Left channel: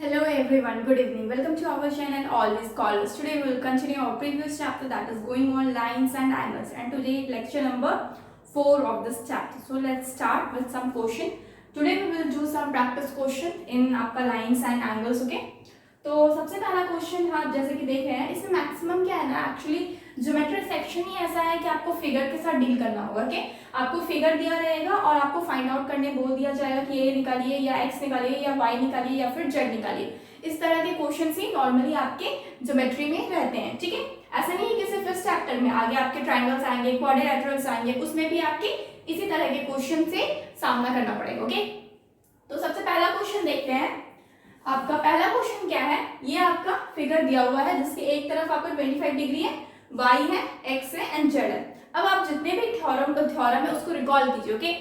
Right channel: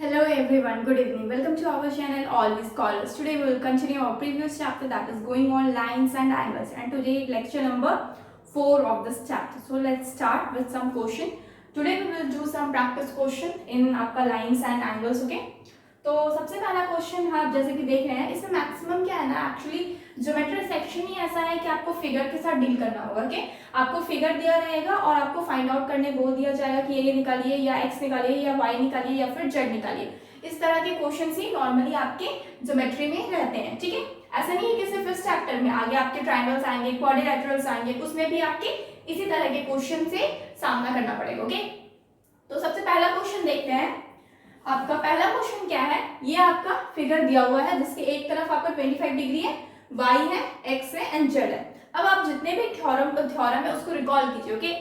Hello everyone, good evening. Welcome to our channel Always Scholars. Today we will continue our previous chapter that is going on lines and angles, and today lecture number 4 of this chapter. So let's start with some question. Today we will do some practice question in आपका lines and angles, okay? तो सबसे पहला question आप जैसे कि देख रहे हैं, इसमें मैक्सिमम क्या है ना, एक्चुअली ज्योमेट्री सेक्शन ही ऐसा है कि आपको फिगर के साथ डील करना होगा। ओके, आपको फिगर दिया रहेगा और आपको फाइंड आउट करने बोल दिया जाएगा कि ये निकालिए या एक्स निकालिए या वाई निकालिए या फिर जेड निकालिए। इस तरह के क्वेश्चन ही नॉर्मली आपके ज्योमेट्री में रहते हैं। ठीक है, ऐसा नहीं है कि सिर्फ इस चैप्टर में, आगे आपके ट्रायंगल्स आएंगे, क्वाड्रिलेटरल्स आएंगे, उसमें भी आपके इसी तरह के क्वेश्चन से सामना करना पड़ेगा। ओके, तो सबसे पहला क्वेश्चन देखते हैं। आपका पहला क्वेश्चन क्या है, ये आपका फिगर दिया हुआ है जिसके एक तरफ आपका 25 डिग्री है, y है, x है एंड z है। अब आप जितने भी थ्योरम है उसको रिकॉल कीजिए। ओके,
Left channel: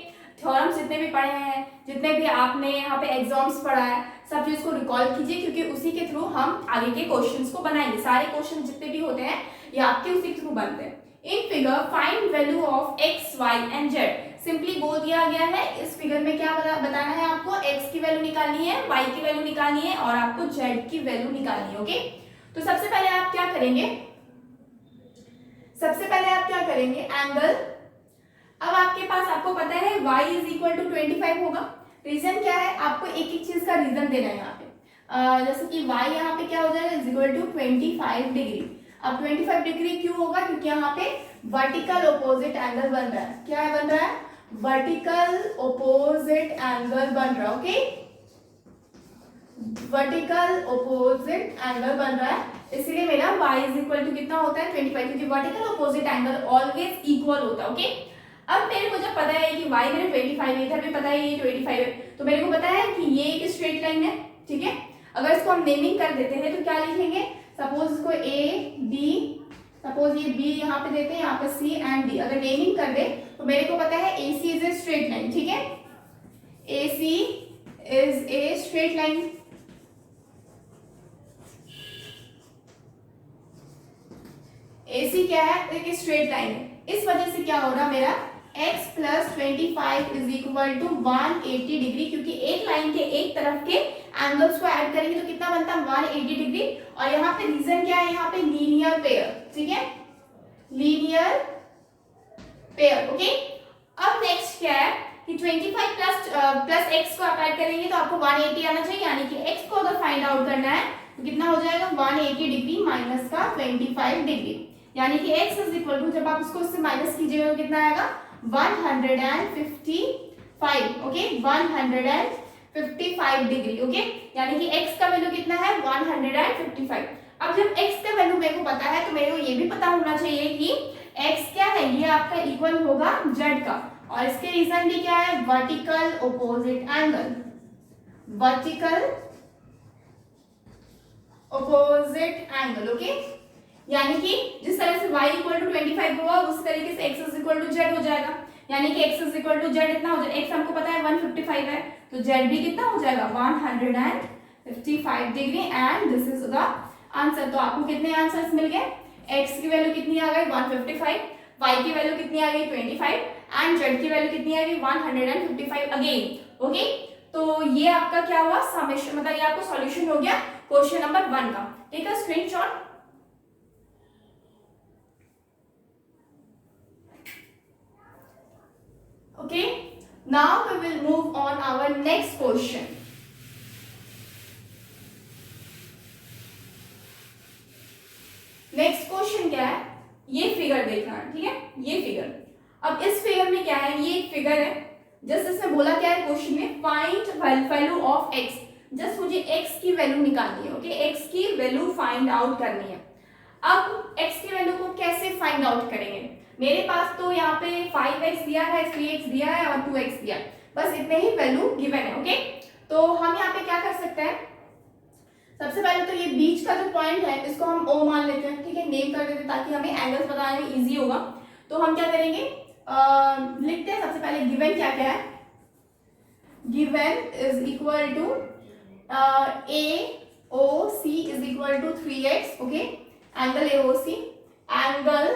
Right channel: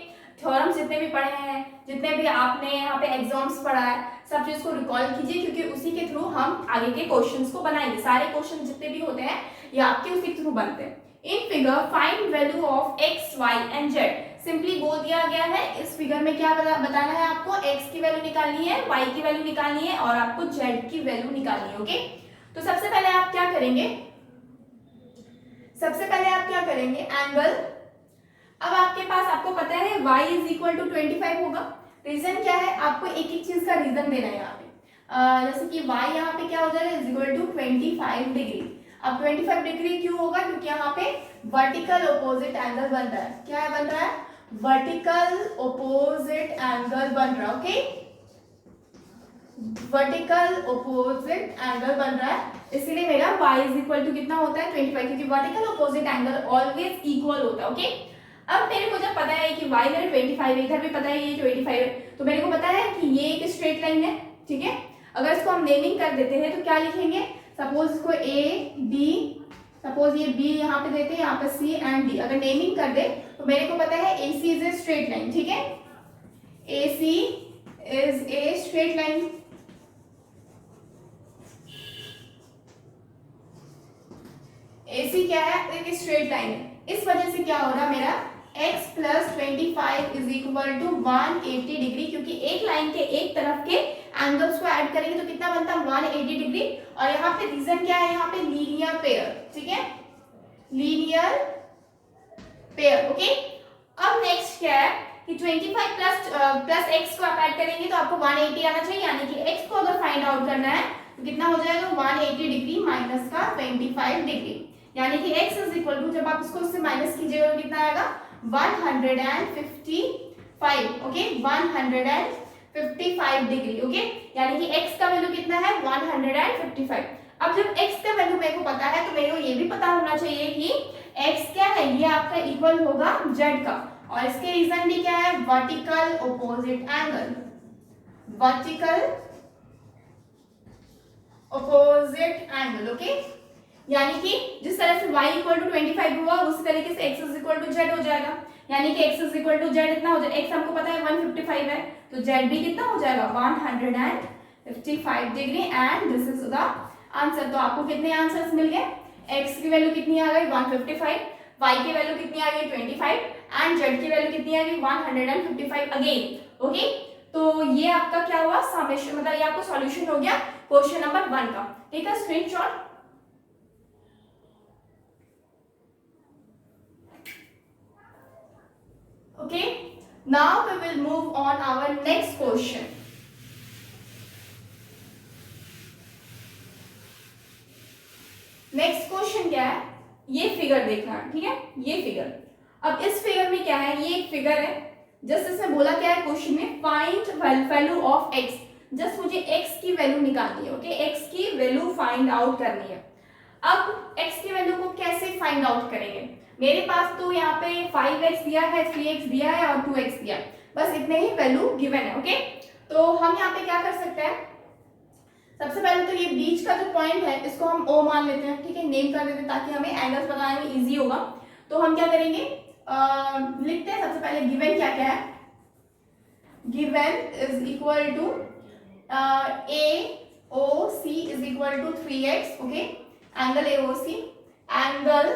थ्योरम जितने भी पढ़े हैं, जितने भी आपने यहाँ पे एग्जाम्स पढ़ा है, सब चीज को रिकॉल कीजिए, क्योंकि उसी के थ्रू हम आगे के क्वेश्चंस को बनाएंगे। सारे क्वेश्चन जितने भी होते हैं ये आपके उसी के थ्रू बनते हैं। In figure find value of x, y and z। Simply बोल दिया गया है, इस फिगर में क्या बताना है आपको, x की वैल्यू निकालनी है, y की वैल्यू निकालनी है और आपको z की वैल्यू निकालनी है। ओके, तो सबसे पहले आप क्या करेंगे, एंगल। अब आपके पास, आपको पता है y इज इक्वल टू 25 होगा। रीजन क्या है, आपको एक एक चीज का रीजन देना है यहाँ पे। जैसे कि y यहाँ पे क्या हो जाएगा, इज इक्वल टू 25 डिग्री। अब 25 डिग्री क्यों होगा, क्योंकि यहाँ पे वर्टिकल ऑपोजिट एंगल बन रहा है। क्या बन रहा है, वर्टिकल ऑपोजिट एंगल बन रहा है। ओके, वर्टिकल ऑपोजिट एंगल बन रहा है, इसलिए मेरा y इज इक्वल टू कितना होता है 25, क्योंकि vertical opposite angle always equal होता है। ओके, अब मेरे को जब पता है कि y मेरे 25 है, इधर भी पता है ये 25 है, तो मेरे को पता है कि ये एक स्ट्रेट लाइन है। ठीक है, अगर इसको हम नेमिंग कर देते हैं तो क्या लिखेंगे, सपोज इसको a b, सपोज ये b यहाँ पे देते हैं, यहाँ पे c एंड d। अगर नेमिंग कर दे तो मेरे को पता है ac is a straight line. ठीक है, ac is a straight line. AC क्या है, एक स्ट्रेट लाइन है। इस वजह से क्या होगा, मेरा x plus 25 is equal to 180 degree, क्योंकि एक लाइन के एक तरफ के एंगल्स को ऐड करेंगे तो कितना बनता है 180 डिग्री। और यहाँ पे रीजन क्या है, यहाँ पे लीनियर पेयर। ठीक है, लीनियर पेयर। ओके, अब नेक्स्ट क्या है कि 25 प्लस x को आप ऐड करेंगे तो आपको 180 आना चाहिए, यानी कि x को अगर फाइंड आउट करना है तो कितना हो जाएगा 180 डिग्री माइनस का 25 डिग्री, यानी कि x इज इक्वल टू, जब आप उसको उससे माइनस कीजिएगा तो कितना आएगा 155। Okay, 155 degree. ओके, यानी कि x का वैल्यू कितना है 155। अब जब x का वैल्यू मेरे को पता है तो मेरे को ये भी पता होना चाहिए कि x क्या है, ये आपका इक्वल होगा z का, और इसके रीजन भी क्या है, vertical opposite angle. Vertical opposite angle. Okay, यानी कि जिस तरह से y इक्वल टू 25 हुआ उसी तरीके से x is equal to z हो जाएगा, यानी कि x is equal to z इतना हो जाएगा। x हमको पता है 155 है, तो z भी कितना हो जाएगा 155 degree, and this is the answer. तो आपको कितने आंसर्स मिल गए, x की वैल्यू कितनी आ गई 155, y की वैल्यू कितनी आ गई 25 एंड z की वैल्यू कितनी आ गई 155 अगेन। ओके, तो ये आपका क्या हुआ, समेशन, मतलब ये आपका सॉल्यूशन हो गया क्वेश्चन नंबर 1 का। ठीक है, screenshot. Okay, now we will move on our next question. Next question क्या है, ये फिगर देखना है। ठीक है, ये फिगर, अब इस फिगर में क्या है, ये एक फिगर है, जस्ट इसमें बोला क्या है क्वेश्चन में, find value of x। Just मुझे x की वैल्यू निकालनी है। ओके, x की वैल्यू फाइंड आउट करनी है। अब x की वैल्यू को कैसे फाइंड आउट करेंगे, मेरे पास तो यहाँ पे 5x दिया है, 3x दिया है और 2x दिया है, बस इतने ही वैल्यू गिवन है। ओके, तो हम यहाँ पे क्या कर सकते हैं, सबसे पहले तो ये बीच का जो पॉइंट है इसको हम O मान लेते हैं। ठीक है, नेम कर देते हैं ताकि हमें एंगल्स बताने में इजी होगा। तो हम क्या करेंगे, लिखते हैं सबसे पहले गिवन क्या क्या है। Given is equal to AOC is equal to 3x। Okay, angle AOC, angle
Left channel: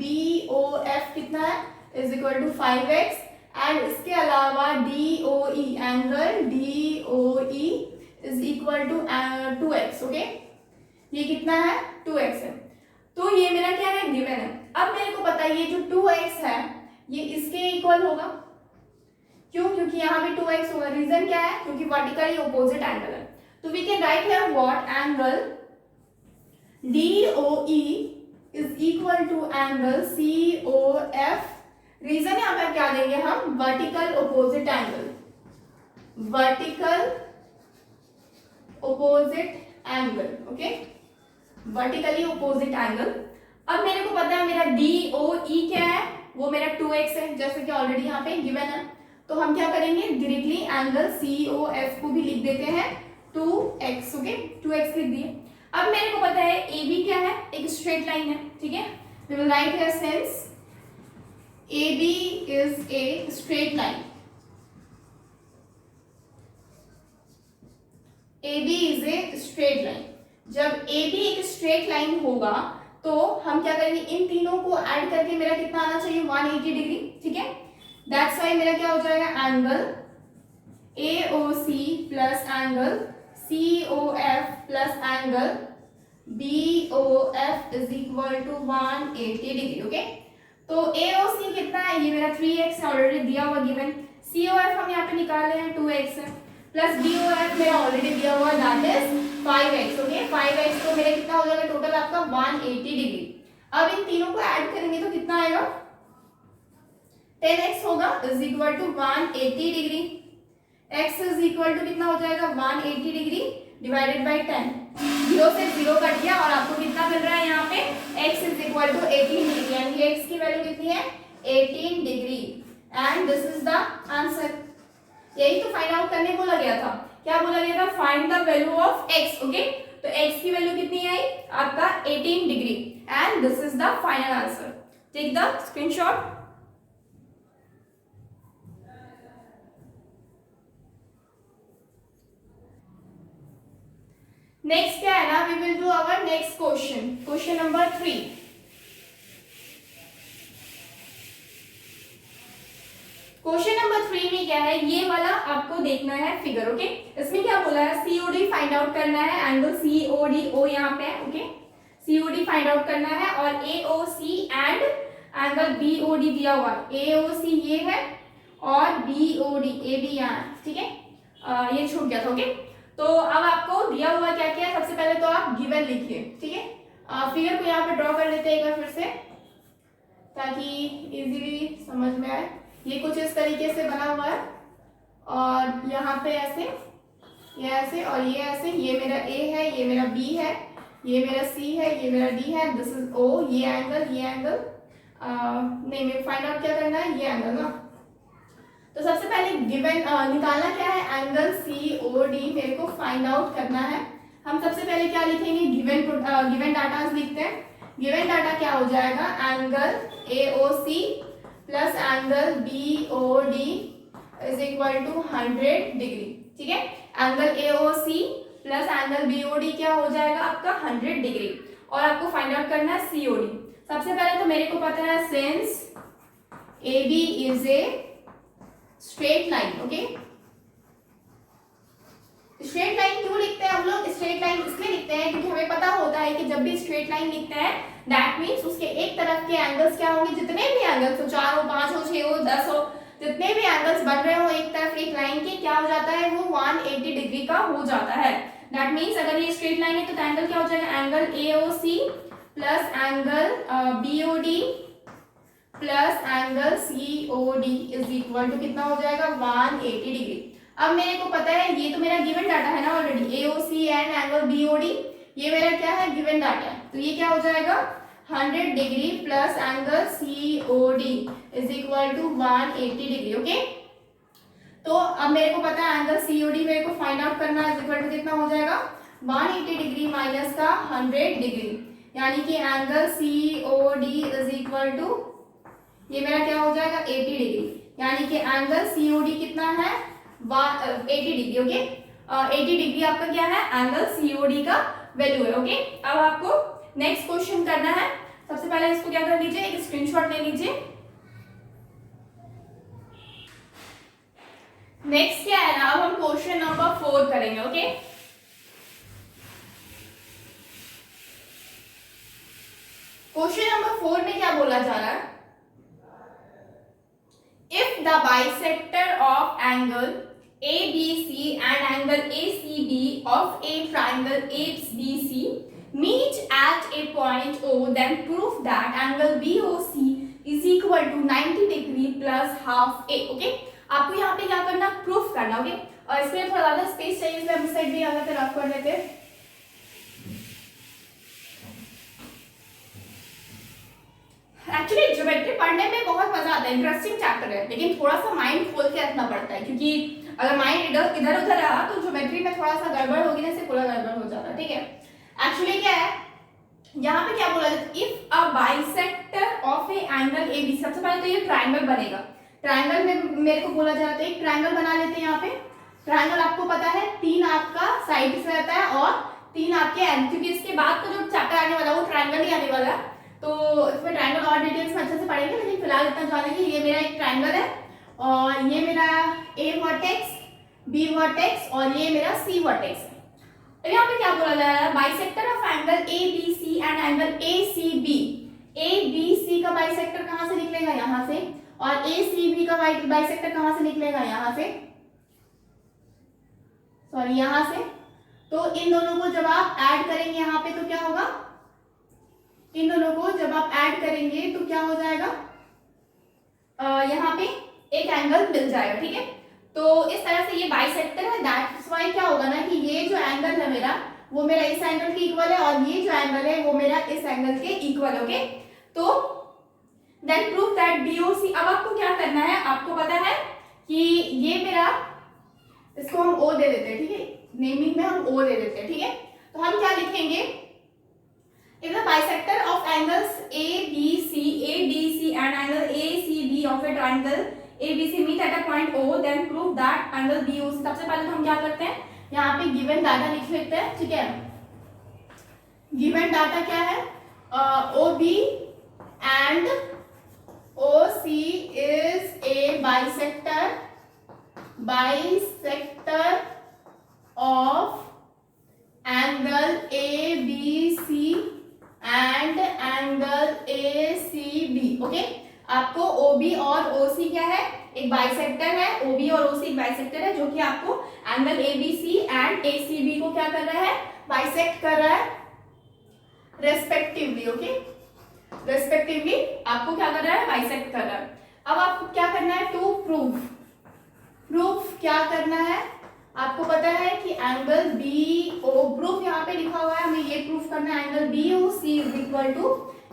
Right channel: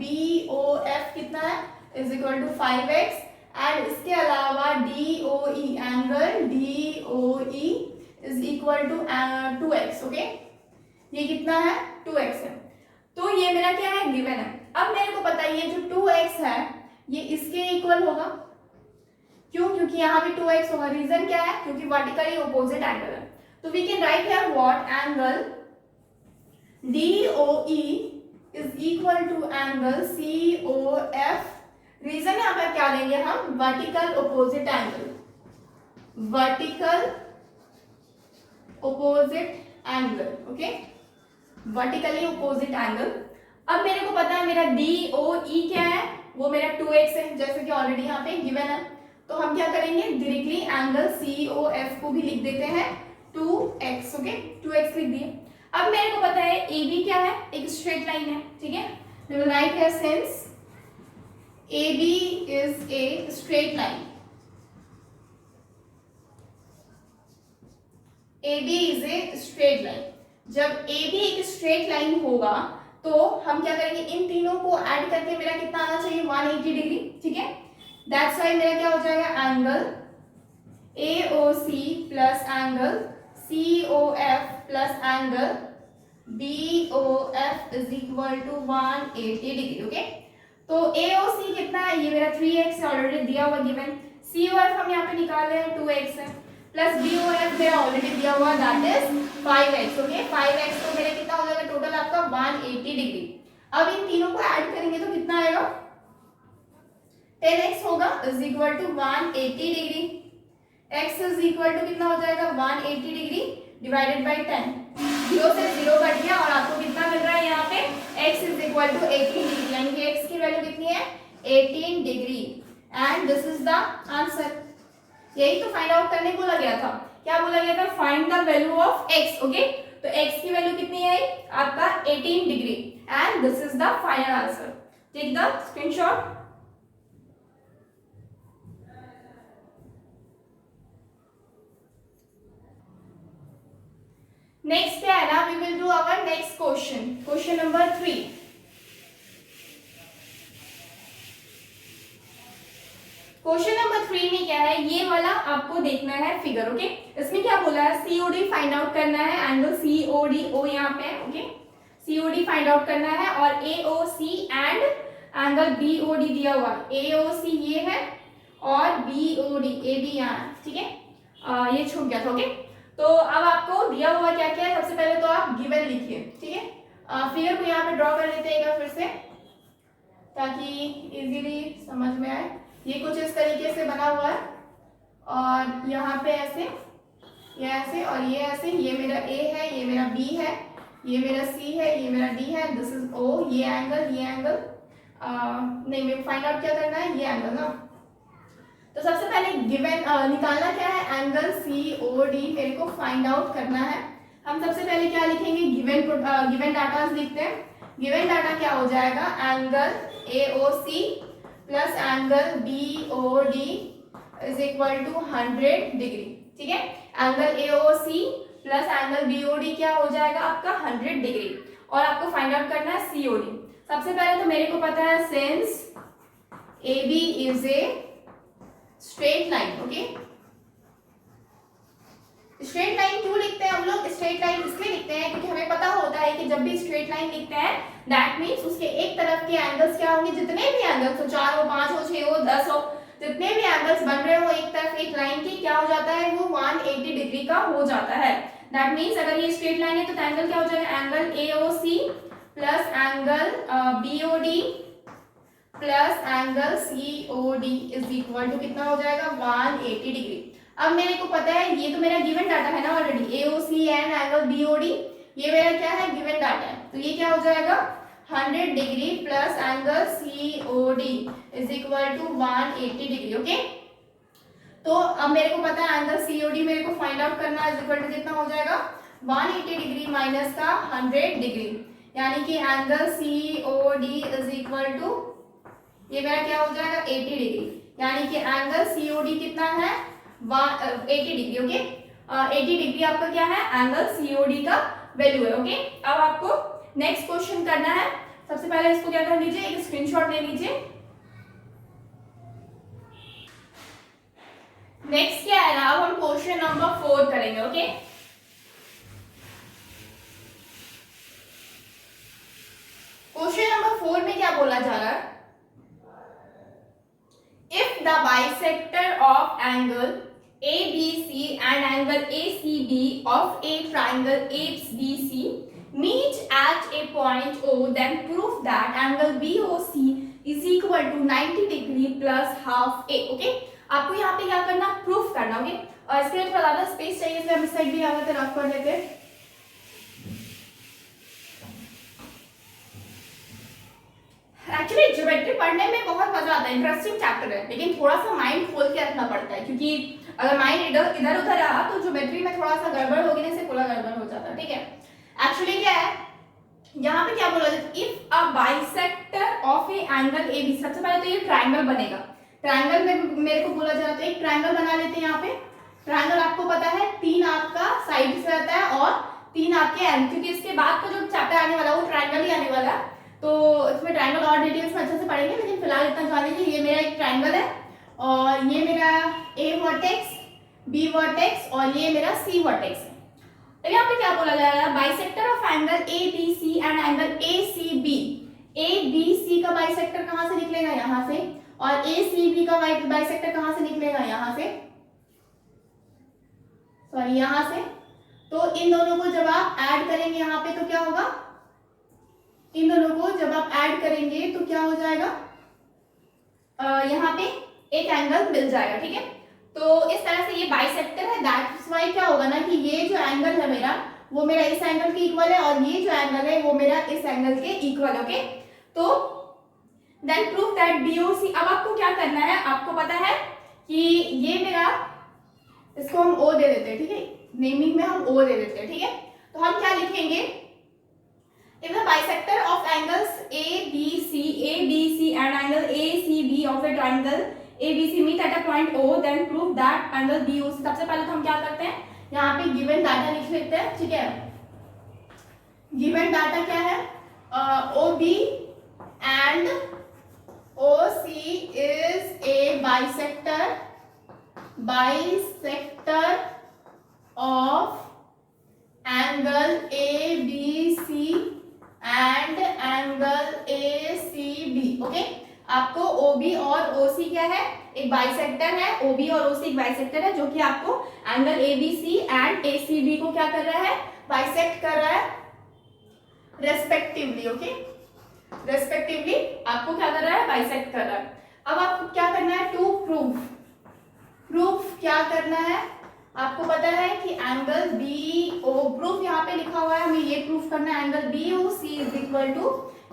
BOF कितना है, is equal to 5x, and इसके अलावा DOE, angle DOE is equal to 2x, okay. ये कितना है, 2x है। तो ये मेरा क्या है, गिवन है। अब मेरे को पता है ये जो 2x है ये इसके इक्वल होगा। क्यों? क्योंकि यहाँ भी 2x होगा। रीजन क्या है? क्योंकि वर्टिकली ऑपोजिट एंगल है। तो we can write here what angle DOE is equal to angle COF। Reason यहाँ पर क्या देंगे हम, vertical opposite angle, vertical opposite angle, okay, vertically opposite angle. अब मेरे को पता है मेरा DOE क्या है, वो मेरा 2x है, जैसे कि ऑलरेडी यहाँ पे गिवन है। तो हम क्या करेंगे, डायरेक्टली एंगल COF को भी लिख देते हैं 2x, ओके, 2x लिख दिए। अब मेरे को पता है AB क्या है, एक स्ट्रेट लाइन है, ठीक है। We will write here since AB is a straight line, AB is a straight line. जब AB एक स्ट्रेट लाइन होगा तो हम क्या करेंगे, इन तीनों को ऐड करके मेरा कितना आना चाहिए, 180 डिग्री, ठीक है। दैट्स वाई मेरा क्या हो जाएगा, angle AOC plus angle COF plus angle BOF is equal to 180 degree, okay. तो AOC कितना है, ये मेरा 3x ऑलरेडी दिया हुआ गिवन। COF हम यहाँ पे निकाल रहे हैं 2x है, प्लस BOF मेरा ऑलरेडी दिया हुआ that is 5x, okay. 5x तो मेरा कितना हो जाएगा टोटल आपका 180 डिग्री। अब इन तीनों को ऐड करेंगे तो कितना आएगा, 10x होगा is equal to 180 degree. x is equal to कितना हो जाएगा, 180 डिग्री डिवाइडेड बाई 10। 0 से 0 कट गया और आपको कितना मिल रहा है यहाँ पे, x is equal to 18 degree, यानी कि x की वैल्यू कितनी है, 18 degree. And this is the answer. यही तो फाइंड आउट करने बोला गया था। क्या बोला गया था, find the value of x, okay. तो x की वैल्यू कितनी है आपका 18 degree and this is the final answer. Take the screenshot. Next क्या है ना, we will do our next question, question number 3। Question number 3 में क्या है, ये वाला आपको देखना है फिगर, ओके। इसमें क्या बोला है, COD फाइंड आउट करना है, एंगल COD O यहाँ पे है, ओके। COD फाइंड आउट करना है और AOC एंड एंगल BOD दिया हुआ है। AOC ये है और BOD AB यहाँ, ठीक है। ये छूट गया था, ओके। तो अब आपको दिया हुआ क्या क्या है, सबसे पहले तो आप गिवन लिखिए, ठीक है। फिगर को यहाँ पे ड्रॉ कर लेते हैं एक बार फिर से, ताकि इजीली समझ में आए। ये कुछ इस तरीके से बना हुआ है और यहाँ पे ऐसे, ये ऐसे और ये ऐसे। ये मेरा A है, ये मेरा B है, ये मेरा C है, ये मेरा D है, दिस इज O। ये एंगल नहीं, मेरे फाइंड आउट क्या करना है, ये एंगल ना। तो सबसे पहले गिवन निकालना क्या है, एंगल COD मेरे को फाइंड आउट करना है। हम सबसे पहले क्या लिखेंगे, गिवन डाटा लिखते हैं। गिवन डाटा क्या हो जाएगा, angle AOC plus angle BOD is equal to 100 degree, ठीक है। Angle AOC plus angle BOD क्या हो जाएगा आपका 100 डिग्री, और आपको फाइंड आउट करना है COD। सबसे पहले तो मेरे को पता है since AB is a straight line, okay. Straight line क्यों लिखते हैं हम लोग, स्ट्रेट लाइन इसलिए लिखते हैं क्योंकि हमें पता होता है कि जब भी स्ट्रेट लाइन लिखते हैं दैट मीन्स उसके एक तरफ के एंगल्स क्या होंगे, जितने भी एंगल्स हो, 4 हो, 5 हो, 6 हो, 10 हो, जितने भी एंगल्स बन रहे हो एक तरफ एक लाइन के, क्या हो जाता है, वो 180 डिग्री का हो जाता है। दैट मीन्स अगर ये स्ट्रेट लाइन है तो एंगल क्या हो जाएगा, angle AOC plus angle BOD plus angle COD is equal to कितना हो जाएगा, 180 डिग्री। अब मेरे को पता है, ये तो मेरा गिवन डाटा है ना already, AOC and angle BOD, ये मेरा क्या है, गिवन डाटा है। तो ये क्या हो जाएगा, 100 degree plus angle COD is equal to 180 degree, okay. तो अब मेरे को पता है एंगल COD मेरे को फाइंड आउट करना है, इज इक्वल टू कितना हो जाएगा, 180 डिग्री माइनस का 100 डिग्री, यानी कि angle COD is equal to, ये मेरा क्या हो जाएगा 80 डिग्री, यानी कि एंगल COD कितना है 80 डिग्री, ओके। 80 डिग्री आपका क्या है, एंगल COD का वैल्यू है, ओके। अब आपको नेक्स्ट क्वेश्चन करना है। सबसे पहले इसको क्या कर लीजिए, एक स्क्रीनशॉट ले लीजिए। नेक्स्ट क्या है ना, अब हम क्वेश्चन नंबर 4 करेंगे, ओके। क्वेश्चन नंबर 4 में क्या बोला जा रहा है, if the bisector of angle ABC and angle ACB of a triangle ABC meet at a point O, then prove that angle BOC is equal to 90 degree plus half A. Okay, आपको यहाँ पे क्या करना, proof करना. Okay, और इसके लिए थोड़ा ज्यादा स्पेस चाहिए, इसलिए हम इस साइड भी यहाँ पे रफ कर लेते हैं. एक्चुअली ज्योमेट्री पढ़ने में बहुत मजा आता है, इंटरेस्टिंग चैप्टर है, लेकिन थोड़ा सा माइंड खोल के रखना पड़ता है, क्योंकि अगर माइंड इधर उधर रहा तो ज्योमेट्री में थोड़ा सा गड़बड़ होगी ना, से पूरा गड़बड़ हो जाता है. ठीक है, एक्चुअली क्या है यहाँ पे, क्या बोला जाता है, if a bisector of a angle A B. सबसे पहले तो ये ट्राइंगल बनेगा. ट्राइंगल में मेरे को बोला जाता है, एक ट्राइंगल बना लेते हैं. यहाँ पे ट्राइंगल आपको पता है 3 आपका साइड से रहता है और 3 आपके एंड, क्योंकि इसके बाद का जो चैप्टर आने वाला है वो ट्राइंगल ही आने वाला है, तो इसमें ट्राइंगल और डिटेल्स में अच्छे से पढ़ेंगे. लेकिन फिलहाल इतना जान लीजिए, ये मेरा एक ट्राइंगल है और ये मेरा ए वर्टेक्स, बी वर्टेक्स और ये मेरा सी वर्टेक्स है. अब यहाँ पे क्या बोला जा रहा है, bisector of angle A B C and angle A C B. A B C का बाइसेक्टर कहाँ से निकलेगा, यहाँ से, और ए सी बी का बाइसेक्टर कहाँ से निकलेगा, यहाँ से, सॉरी यहाँ से. तो इन दोनों को जब आप ऐड करेंगे यहाँ पे तो क्या होगा, इन दोनों को जब आप ऐड करेंगे तो क्या हो जाएगा, यहाँ पे एक एंगल मिल जाएगा. ठीक है, तो इस तरह से ये बाइसेक्टर है. दैट्स व्हाई क्या होगा ना कि ये जो एंगल है मेरा, वो मेरा इस एंगल के इक्वल है और ये जो एंगल है वो मेरा इस एंगल के इक्वल है. ओके, तो देन प्रूव दैट BOC. अब आपको क्या करना है, आपको पता है कि ये मेरा, इसको हम O दे देते हैं. ठीक है, नेमिंग में हम O दे देते हैं. ठीक है, तो हम क्या लिखेंगे, if the bisector of angles ABC and angle ACB of a triangle ABC meet at a point O, then prove that angle BOC. सबसे पहले तो हम क्या करते हैं, यहाँ पे गिवन डाटा लिख लेते हैं. ठीक है, गिवन डाटा क्या है, OB and OC is a bisector of angle ABC and angle ACB. Okay, आपको OB और OC क्या है, एक बाइसेक्टर है. OB और OC एक बाइसेक्टर है जो कि आपको एंगल ABC एंड ACB को क्या कर रहा है, बाइसेक्ट कर रहा है रेस्पेक्टिवली. ओके, रेस्पेक्टिवली आपको क्या कर रहा है, बाइसेक्ट कर रहा है. अब आपको क्या करना है, टू प्रूफ क्या करना है, आपको पता है कि एंगल BO, प्रूफ यहाँ पे लिखा हुआ है, हमें ये प्रूफ करना है, angle BOC is equal to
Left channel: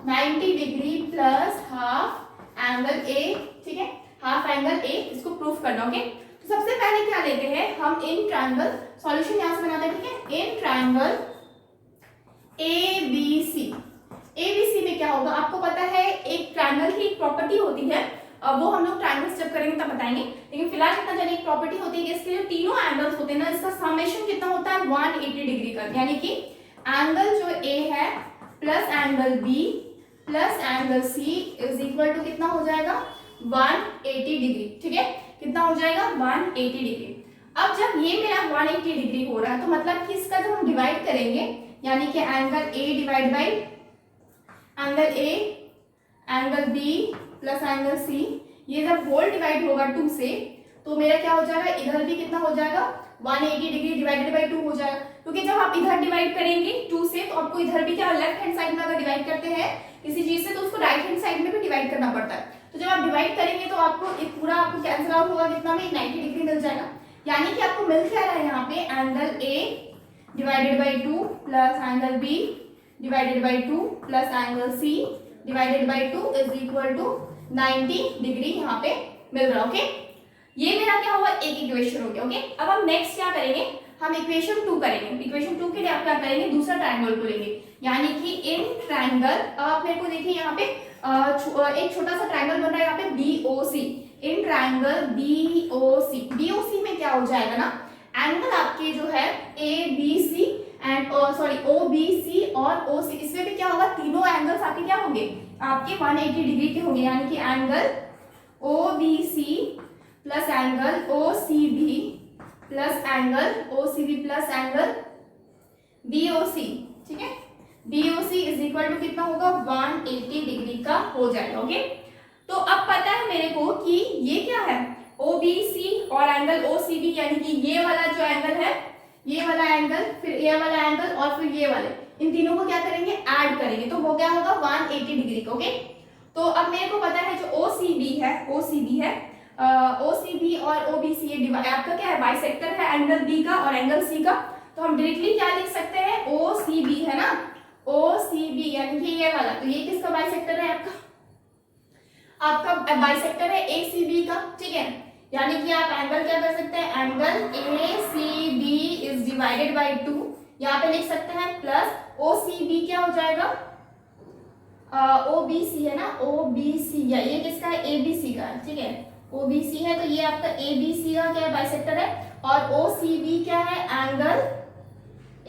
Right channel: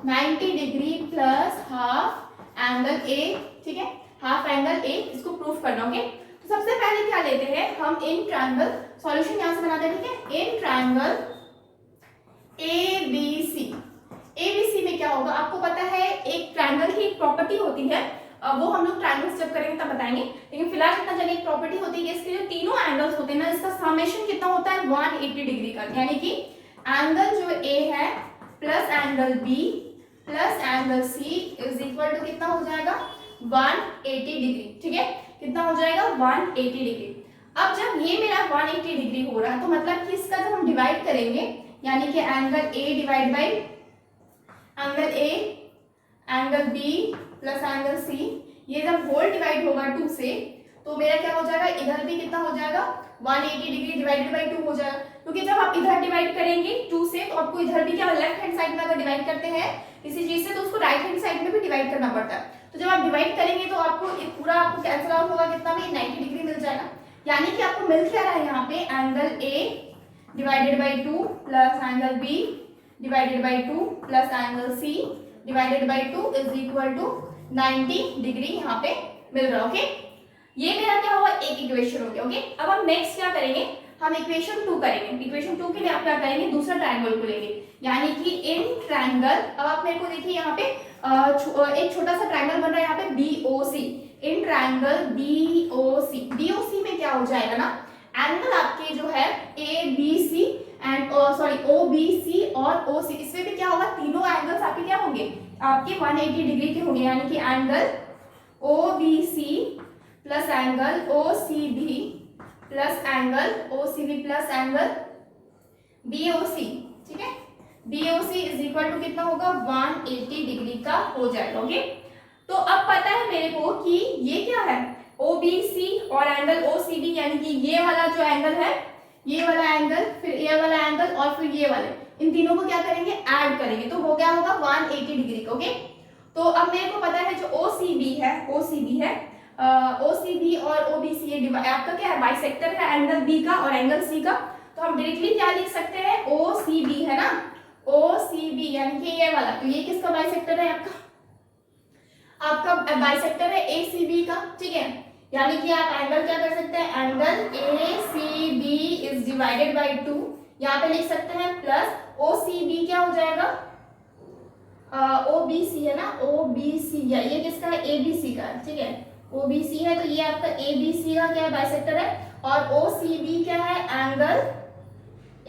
90 degree plus half angle A. ठीक है, हाफ एंगल A, इसको प्रूफ करना. ओके, तो सबसे पहले क्या लेते हैं हम, इन ट्रायंगल, सॉल्यूशन यहाँ से बनाते हैं. ठीक है, इन ट्रायंगल ABC में क्या होगा, आपको पता है एक ट्रायंगल की एक प्रॉपर्टी होती है, वो हम लोग ट्रायंगल्स जब करेंगे तब बताएंगे, लेकिन फिलहाल कितना जाने एक प्रॉपर्टी होती है कि इसके जो तीनों एंगल्स होते हैं ना, इसका समेशन कितना होता है, 180 डिग्री का. यानी कि एंगल जो A है plus angle B plus angle C is equal to कितना हो जाएगा, 180 डिग्री. ठीक है, कितना हो जाएगा, 180 डिग्री. अब जब ये मेरा 180 डिग्री हो रहा है तो मतलब कि इसका जब हम डिवाइड करेंगे, यानी कि angle A divide by angle A, angle B plus angle C, ये जब होल डिवाइड होगा 2 से, तो मेरा क्या हो जाएगा, इधर भी कितना हो जाएगा, 180 डिग्री डिवाइडेड बाई 2 हो जाएगा. क्योंकि जब आप इधर डिवाइड करेंगे 2 से, तो आपको इधर भी क्या, लेफ्ट हैंड साइड में अगर डिवाइड करते हैं इसी चीज से, तो उसको राइट हैंड साइड में भी डिवाइड करना पड़ता है. तो जब आप डिवाइड करेंगे तो आपको एक पूरा आपको कैंसिल आउट होगा, कितना में 90 डिग्री मिल जाएगा. यानी कि आपको मिल क्या रहा है यहाँ पे, angle A divided by 2 plus angle B divided by 2 plus angle C divided by 2 is equal to 90 degree यहाँ पे मिल रहा है. ओके, ये मेरा क्या हुआ, एक इक्वेशन हो गया. ओके, अब हम नेक्स्ट क्या करेंगे, हम इक्वेशन 2 करेंगे. इक्वेशन 2 के लिए आप क्या करेंगे, दूसरा ट्रायंगल को लेंगे, यानी कि इन ट्रायंगल. अब आप मेरे को देखिए यहाँ पे एक छोटा सा ट्रायंगल बन रहा है यहाँ पे BOC. इन ट्रायंगल BOC में क्या हो जाएगा ना, एंगल आपके जो है ABC एंड OBC और OC, इसमें भी क्या होगा, तीनों एंगल्स आपके क्या होंगे, आपके 180 डिग्री के होंगे. यानी कि angle OBC plus angle OCB plus angle OCB plus angle BOC. ठीक है, BOC इज इक्वल टू कितना होगा 180 डिग्री का हो जाएगा। ओके, तो अब पता है मेरे को कि ये क्या है OBC और एंगल OCB, यानी कि ये वाला जो एंगल है, ये वाला एंगल, फिर ये वाला एंगल और फिर ये वाले, इन तीनों को क्या करेंगे ऐड करेंगे, तो वो क्या होगा 180 डिग्री का। ओके, तो अब मेरे को पता है जो OCB है OCB और OBC ये आपका क्या है बाइसेक्टर है एंगल B का और एंगल C का, तो हम डायरेक्टली क्या लिख सकते हैं OCB है ना, OCB यानी कि ये वाला, तो ये किसका बाइसेक्टर है आपका बाइसेक्टर है ACB का। ठीक है, यानी कि आप एंगल क्या कर सकते हैं angle ACB is divided by 2, यहाँ पे लिख सकते हैं प्लस OCB क्या हो जाएगा OBC है ना, OBC है, ये किसका है ABC का है। ठीक है, OBC है तो ये आपका ABC का क्या बाइसेक्टर है, और OCB क्या है एंगल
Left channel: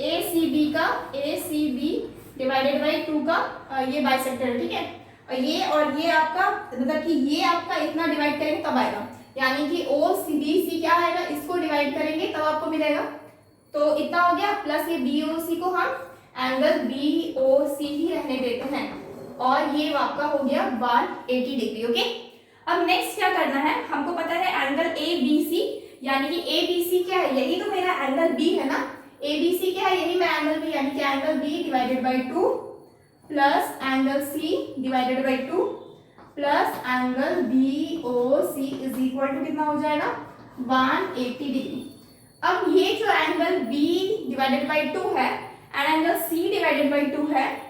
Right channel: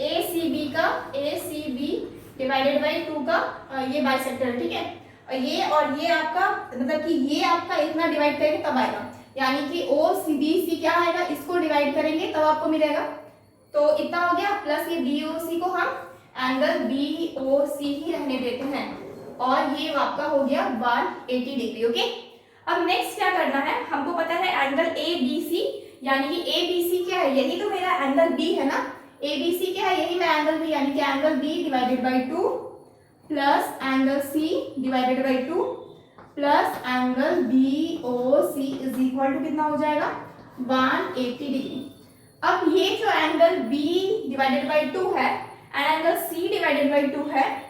ACB का, ACB डिवाइडेड बाय 2 का ये बाइसेक्टर है। ठीक है, और ये आपका मतलब कि ये आपका इतना डिवाइड करेंगे तब आएगा, यानी कि OCBC क्या आएगा, इसको डिवाइड करेंगे तब आपको मिलेगा, तो इतना हो गया, प्लस ये BOC को हम एंगल BOC ही रहने देते हैं, और ये आपका हो गया 180 डिग्री। ओके, अब नेक्स्ट क्या करना है, हमको पता है एंगल ABC, यानी कि ABC क्या है, यही तो मेरा एंगल B है ना, ABC क्या है, यही मैं एंगल B, यानी कि angle B divided by 2 plus angle C divided by 2 plus angle BOC is equal to कितना हो जाएगा 180 डिग्री। अब ये जो एंगल B डिवाइडेड बाय 2 है and angle C divided by 2 है,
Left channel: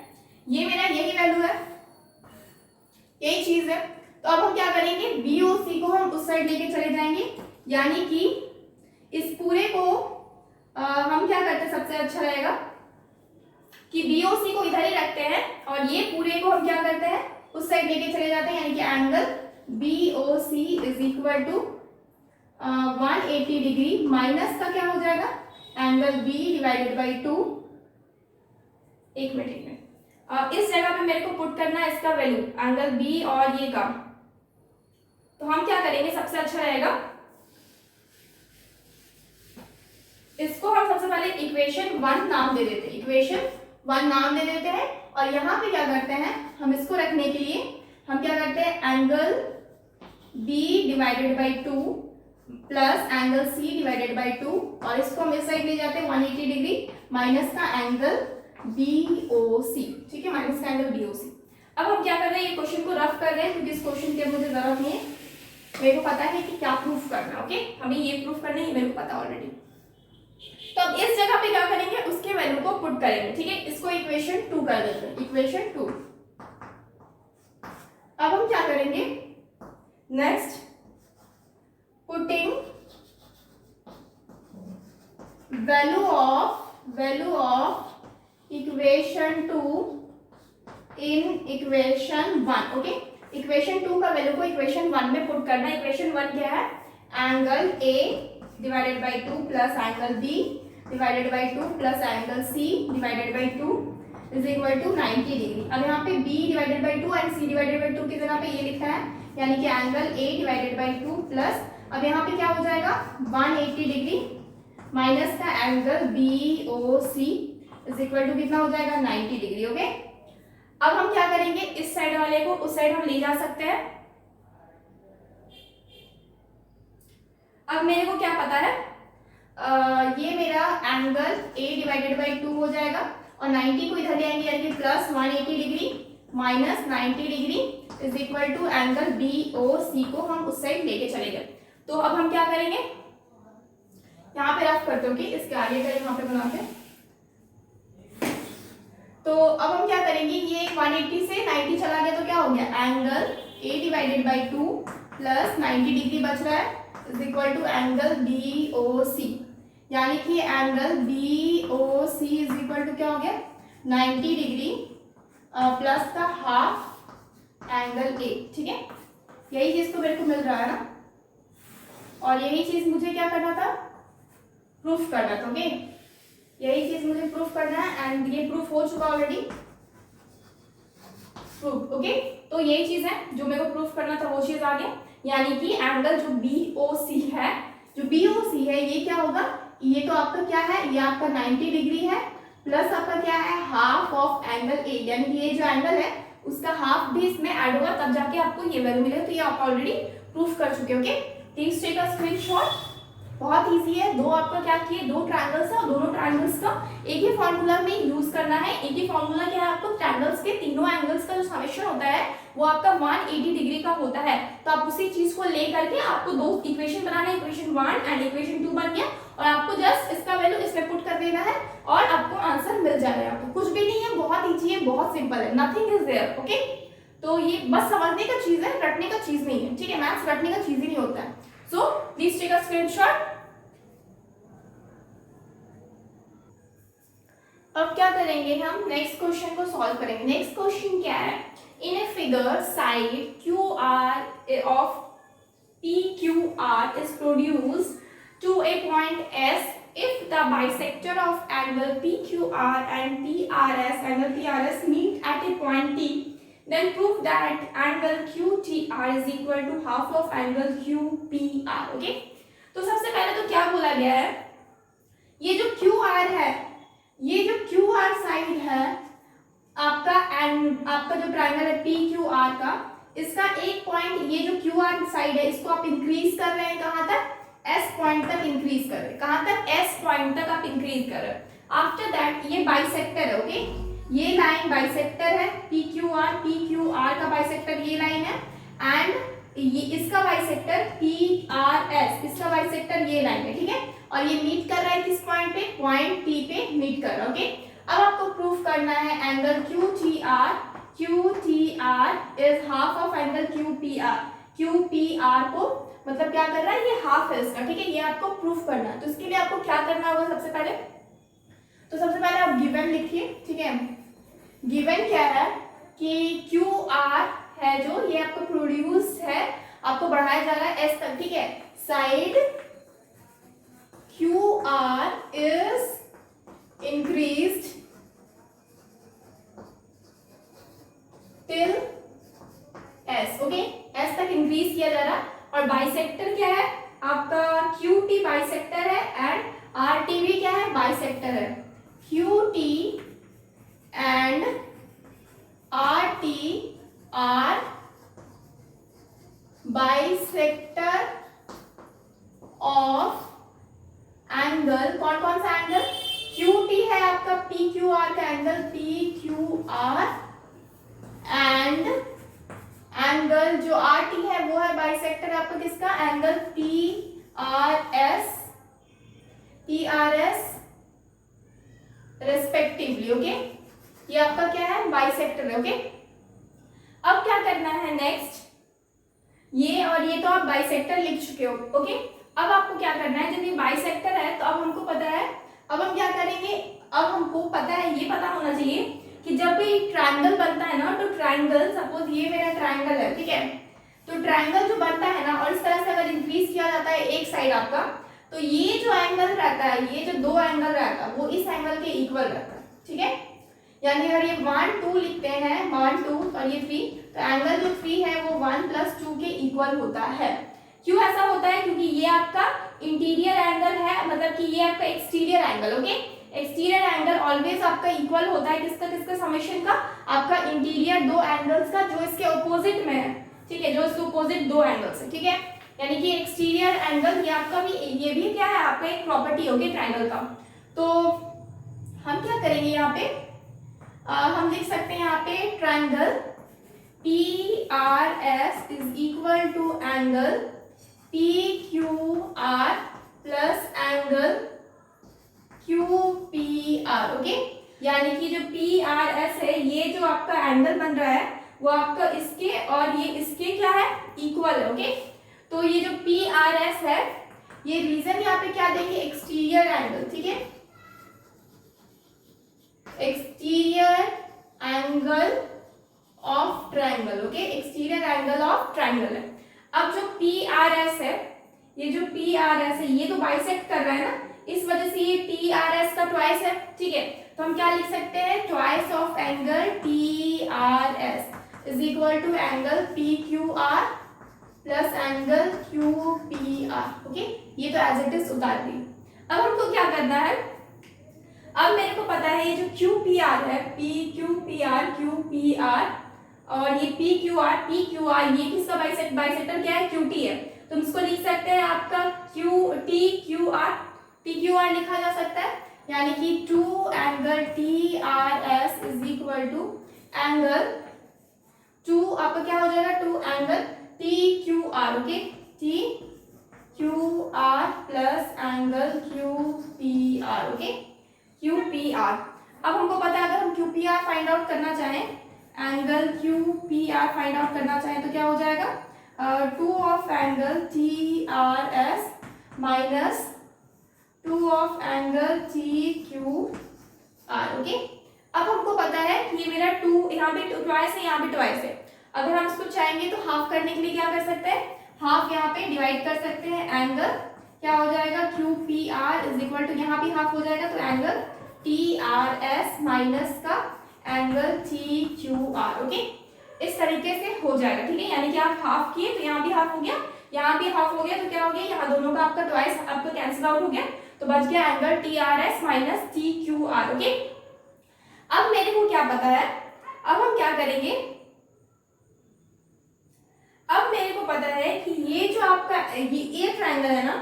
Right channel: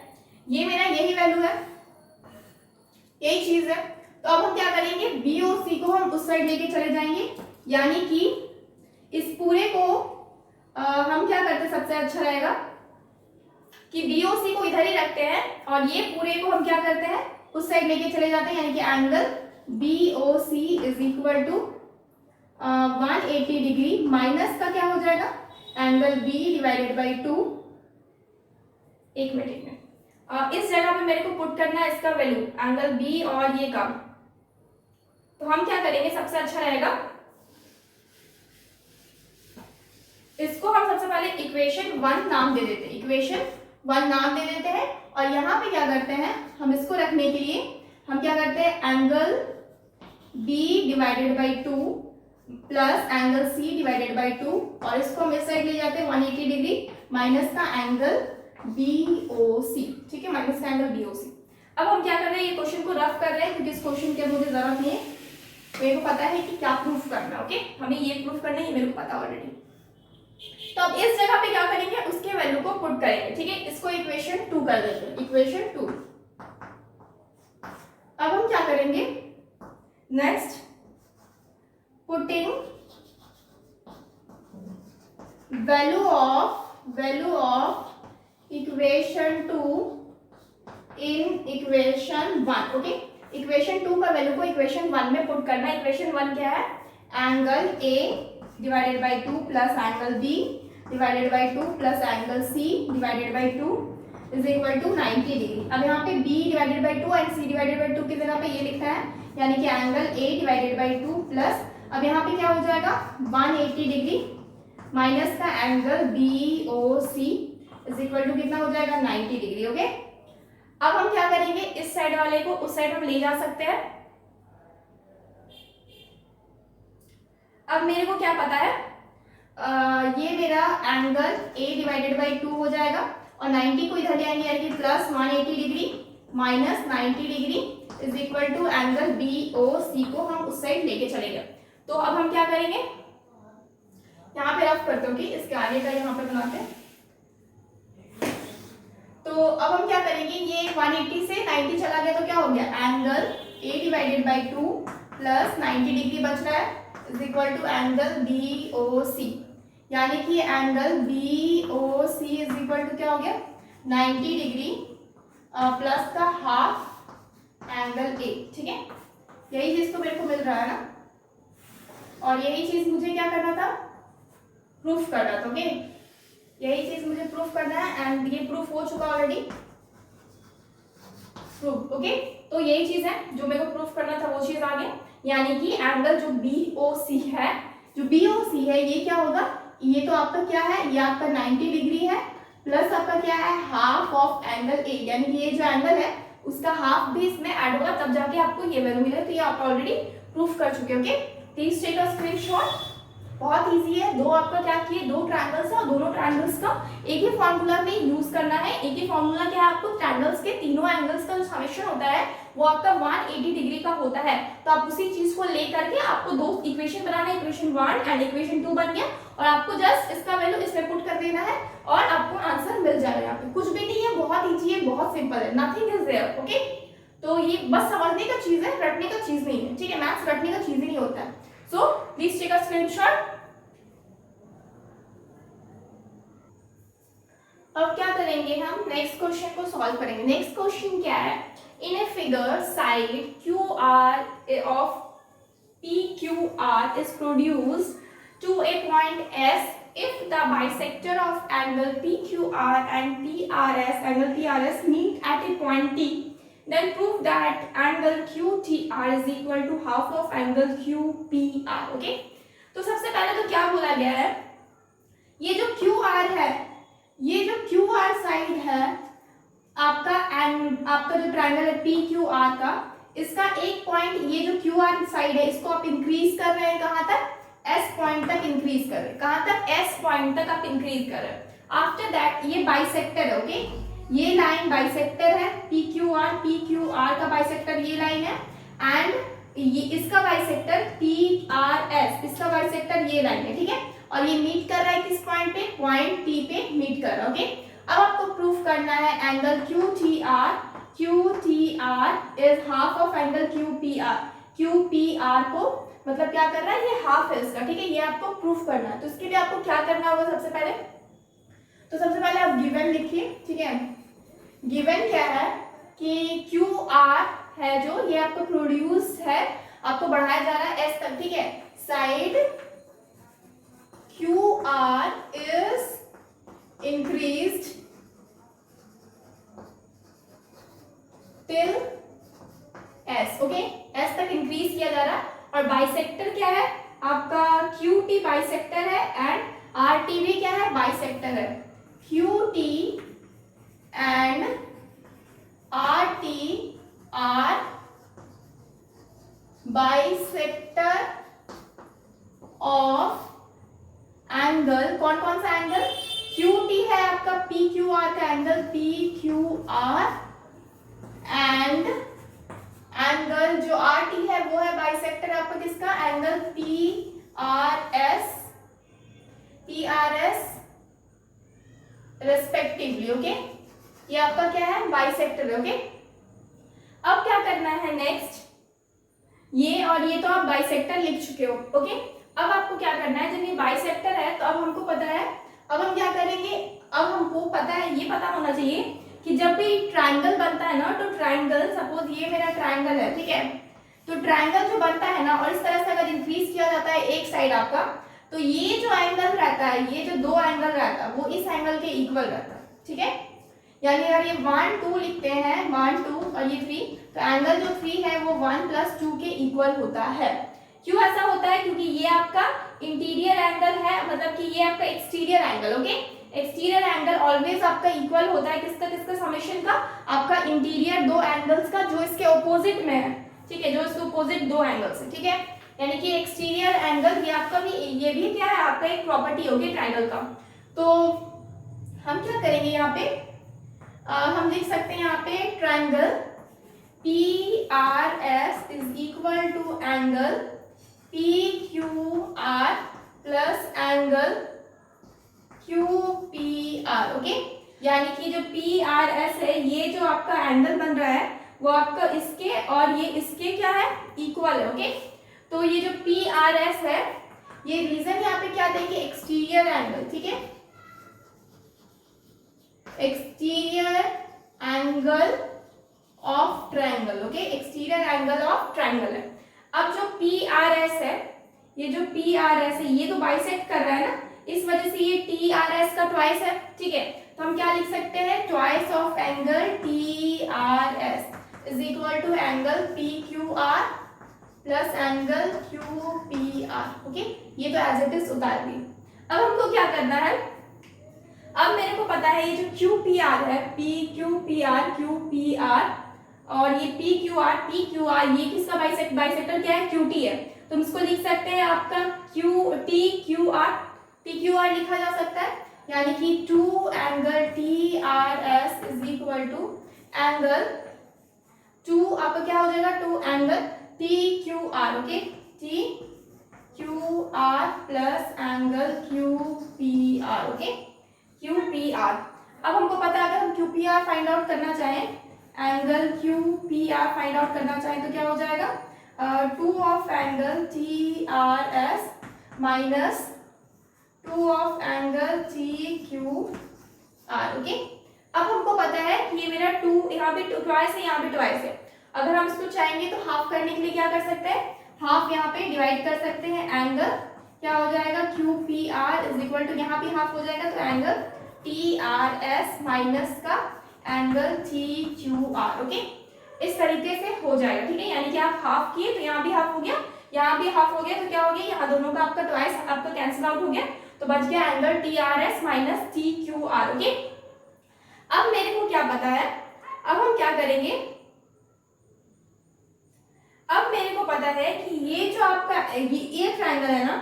ये मेरा यही वैल्यू है, यही चीज है, तो अब हम क्या करेंगे BOC को हम उस साइड लेके चले जाएंगे, यानी कि इस पूरे को हम क्या करते हैं, सबसे अच्छा रहेगा कि BOC को इधर ही रखते हैं और ये पूरे को हम क्या करते हैं उस साइड लेके चले जाते हैं, यानी कि angle BOC is equal to 180 degree minus का क्या हो जाएगा एंगल B डिवाइडेड बाई 2। एक मिनट इस जगह पे मेरे को पुट करना है इसका वैल्यू एंगल B और ये का, तो हम क्या करेंगे सबसे अच्छा रहेगा इसको हम सबसे पहले इक्वेशन 1 नाम दे देते हैं, इक्वेशन 1 नाम दे देते हैं, और यहाँ पे क्या करते हैं हम इसको रखने के लिए हम क्या करते हैं angle B divided by 2 plus angle C divided by 2 और इसको हम इस साइड ले जाते हैं 180 डिग्री माइनस का एंगल BOC। ठीक है, माइनस का एंगल BOC। अब हम क्या कर रहे हैं ये क्वेश्चन को रफ कर रहे हैं क्योंकि इस क्वेश्चन की अब मुझे जरूरत नहीं है, मेरे को पता है कि क्या प्रूफ करना है। ओके, हमें ये प्रूफ करना है, ये मेरे को पता ऑलरेडी। तो अब इस जगह पे क्या करेंगे उसके वैल्यू को पुट करेंगे। ठीक है, इसको इक्वेशन 2 कर देते हैं, इक्वेशन 2। अब हम क्या करेंगे next putting value of equation 2 in equation 1। Okay, equation 2 का वैल्यू को इक्वेशन 1 में पुट करना। इक्वेशन 1 क्या है angle A divided by 2 plus angle B divided by 2 plus angle C divided by 2 is equal to 90 degree. अब यहाँ पे B divided by 2 and C divided by 2 की जगह पे ये लिखा है, यानी कि angle A divided by 2 plus अब यहाँ पे क्या हो जाएगा 180 डिग्री माइनस का angle BOC is equal to कितना हो जाएगा 90 डिग्री। ओके, अब हम क्या करेंगे इस साइड वाले को उस साइड हम ले जा सकते हैं। अब मेरे को क्या पता है ये मेरा एंगल A डिवाइडेड बाई 2 हो जाएगा और 90 को इधर ले आएंगे, यानी कि plus 180 degree minus 90 degree is equal to angle BOC को हम उस साइड लेके चले गए। तो अब हम क्या करेंगे यहाँ पे रफ करते हो कि इसके आगे का यहाँ पे बनाते हैं। तो अब हम क्या करेंगे ये 180 से 90 चला गया तो क्या हो गया angle A divided by 2 plus 90 degree बच रहा है is equal to angle BOC, यानी कि angle BOC is equal to क्या हो गया 90 डिग्री प्लस का हाफ एंगल A। ठीक है, यही चीज तो मेरे को मिल रहा है ना, और यही चीज मुझे क्या करना था प्रूफ करना था। ओके, यही चीज मुझे प्रूफ करना है एंड ये प्रूफ हो चुका ऑलरेडी प्रूफ। ओके, तो यही चीज है जो मेरे को प्रूफ करना था, वो चीज आ गया, यानी कि एंगल जो BOC है ये क्या होगा, ये तो आपका क्या है ये आपका 90 डिग्री है प्लस आपका क्या है हाफ ऑफ एंगल ए, यानी कि ये जो एंगल है उसका हाफ भी इसमें ऐड होगा तब जाके आपको ये वैल्यू मिलेगा। तो ये आप ऑलरेडी प्रूफ कर चुके हो। Okay, please take a screenshot. बहुत इजी है। दो आपका क्या किए, दो ट्रायंगल्स है और दोनों ट्रायंगल्स का एक ही फॉर्मूला में यूज करना है। एक ही फॉर्मूला क्या है, आपको ट्रायंगल्स के तीनों एंगल्स का जो समेशन होता है वो आपका 180 डिग्री का होता है। तो आप उसी चीज को लेकर के आपको दो इक्वेशन बनाना है, इक्वेशन 1 एंड इक्वेशन 2 बन गया और आपको जस्ट इसका वैल्यू इसमें पुट कर देना है और आपको आंसर मिल जाएगा। यहाँ पे कुछ भी नहीं है, बहुत इजी है, बहुत सिंपल है, नथिंग इज देयर। ओके, तो ये बस समझने का चीज है, रटने का चीज नहीं है। ठीक है, मैथ्स रटने का चीज ही नहीं होता है। So please take a screenshot. अब क्या करेंगे, हम नेक्स्ट क्वेश्चन को सॉल्व करेंगे। नेक्स्ट क्वेश्चन क्या है, in a figure side Q R of P Q R is produced to a point S if the bisector of angle PQR and PRS, angle PRS meet at a point T, then prove that angle QTR is equal to half of angle QPR. Okay, तो सबसे पहले तो क्या बोला गया है, ये जो QR है, ये जो QR साइड है आपका जो ट्रायंगल है PQR का, इसका एक पॉइंट, ये जो QR साइड है इसको आप इंक्रीज कर रहे हैं कहां तक, S पॉइंट तक इंक्रीज कर रहे हैं। कहां तक, S पॉइंट तक आप इंक्रीज कर रहे हैं। आफ्टर दैट ये बाइसेक्टर है। ओके, ये लाइन बाइसेक्टर है, PQR का बाइसेक्टर ये लाइन है एंड ये इसका बाइसेक्टर PRS, इसका बाइसेक्टर ये लाइन है। ठीक है, और ये मीट कर रहा है किस पॉइंट पे, पॉइंट T पे मीट कर रहा है। ओके, अब आपको प्रूफ करना है angle QTR is half of angle QPR को मतलब क्या कर रहा है, ये हाफ है इसका। ठीक है, ये आपको प्रूफ करना है। तो इसके लिए आपको क्या करना होगा, सबसे पहले आप गिवन लिखिए। ठीक है, गिवन क्या है कि QR है जो ये आपको प्रोड्यूस है, आपको बढ़ाया जा रहा है S तक। ठीक है, side QR is increased till S। Okay, S तक इंक्रीज किया जा रहा है और बाइसेक्टर क्या है आपका, QT बाइसेक्टर है एंड RT भी क्या है, बाइसेक्टर है। QT and RT are bisector of angle, कौन कौन सा एंगल, QT है आपका PQR का एंगल, PQR एंड एंगल जो RT है वो है बाइसेक्टर आपका किसका, एंगल PRS रेस्पेक्टिवली। ओके, ये आपका क्या है, बाइसेक्टर है। ओके, अब क्या करना है नेक्स्ट, ये और ये तो आप बाइसेक्टर लिख चुके हो। ओके, अब आपको क्या करना है, जब ये बाइसेक्टर है तो अब हमको पता है, अब हम क्या करेंगे, अब हमको पता है, ये पता होना चाहिए कि जब भी ट्रायंगल बनता है ना, तो ट्रायंगल, सपोज ये मेरा ट्रायंगल है। ठीक है, तो ट्रायंगल जो बनता है ना और इस तरह से अगर इंक्रीज किया जाता है एक साइड आपका, तो ये जो एंगल रहता है, ये जो दो एंगल रहता है वो इस एंगल के इक्वल रहता है। ठीक है, यानी अगर ये 1 2 लिखते हैं, 1 2 और ये 3, तो एंगल जो 3 है वो 1 + 2 के इक्वल होता है। क्यों ऐसा होता है, क्योंकि ये आपका इंटीरियर एंगल है, मतलब कि ये आपका exterior angle. Okay, exterior angle always आपका इक्वल होता है किसका समेशन का, आपका इंटीरियर दो एंगल्स का जो इसके ऑपोजिट में है। ठीक है, जो इसके ऑपोजिट दो एंगल्स है। ठीक है, यानी कि एक्सटीरियर एंगल ये आपका भी, ये भी क्या है आपका एक प्रॉपर्टी होगी ट्रायंगल का। तो हम क्या करेंगे यहाँ पे, हम लिख सकते हैं यहाँ पे triangle PRS is equal to angle PQR plus angle QPR। Okay, यानी कि जो PRS है, ये जो आपका एंगल बन रहा है वो आपका इसके और ये इसके क्या है, इक्वल है। ओके, तो ये जो PRS है, ये रीजन यहाँ पे क्या देंगे, एक्सटीरियर एंगल। ठीक है, exterior angle of triangle. Okay, exterior angle of triangle है। अब जो PRS है, ये जो PRS है ये तो बाइसेक्ट कर रहा है ना, इस वजह से ये TRS का ट्वाइस है। ठीक है, तो हम क्या लिख सकते हैं, twice of angle TRS is equal to angle PQR plus angle QPR। Okay, ये तो एज इट इज उतार दी। अब हमको क्या करना है, अब मेरे को पता है ये जो क्यू पी आर है, पी क्यू पी आर और ये पी क्यू आर, ये किसका बाइसेक्टर क्या है, क्यू टी है। तो हम इसको लिख सकते हैं आपका क्यू टी क्यू आर लिखा जा सकता है, यानी कि two angle T R S is equal to angle two, आपका क्या हो जाएगा, two angle T Q R, okay, T Q R plus angle Q P R, okay, Q P R. अब हमको पता है अगर हम Q P R find out करना चाहें, angle Q P R find out करना चाहें तो क्या हो जाएगा, two of angle T R S minus two of angle T Q R, okay. अब हमको पता है कि ये मेरा टू यहाँ पे ट्वाइस है, यहाँ पे ट्वाइस है। अगर हम इसको चाहेंगे तो हाफ करने के लिए क्या कर सकते हैं, हाफ यहाँ पे डिवाइड कर सकते हैं, एंगल क्या हो जाएगा, Q P R is equal to, यहाँ भी हाफ हो जाएगा तो angle T R S minus का angle T Q R, okay. इस तरीके से हो जाएगा, ठीक है, यानी कि आप हाफ किए तो यहाँ भी हाफ हो गया, यहाँ भी हाफ हो गया, तो क्या हो गया, यहाँ दोनों का आपका ट्वाइस आपका कैंसिल आउट हो गया, तो बच गया angle T R S minus T Q R, okay. अब मेरे को क्या पता है, अब हम क्या करेंगे, अब मेरे को पता है कि ये जो आपका ये ट्रायंगल है ना,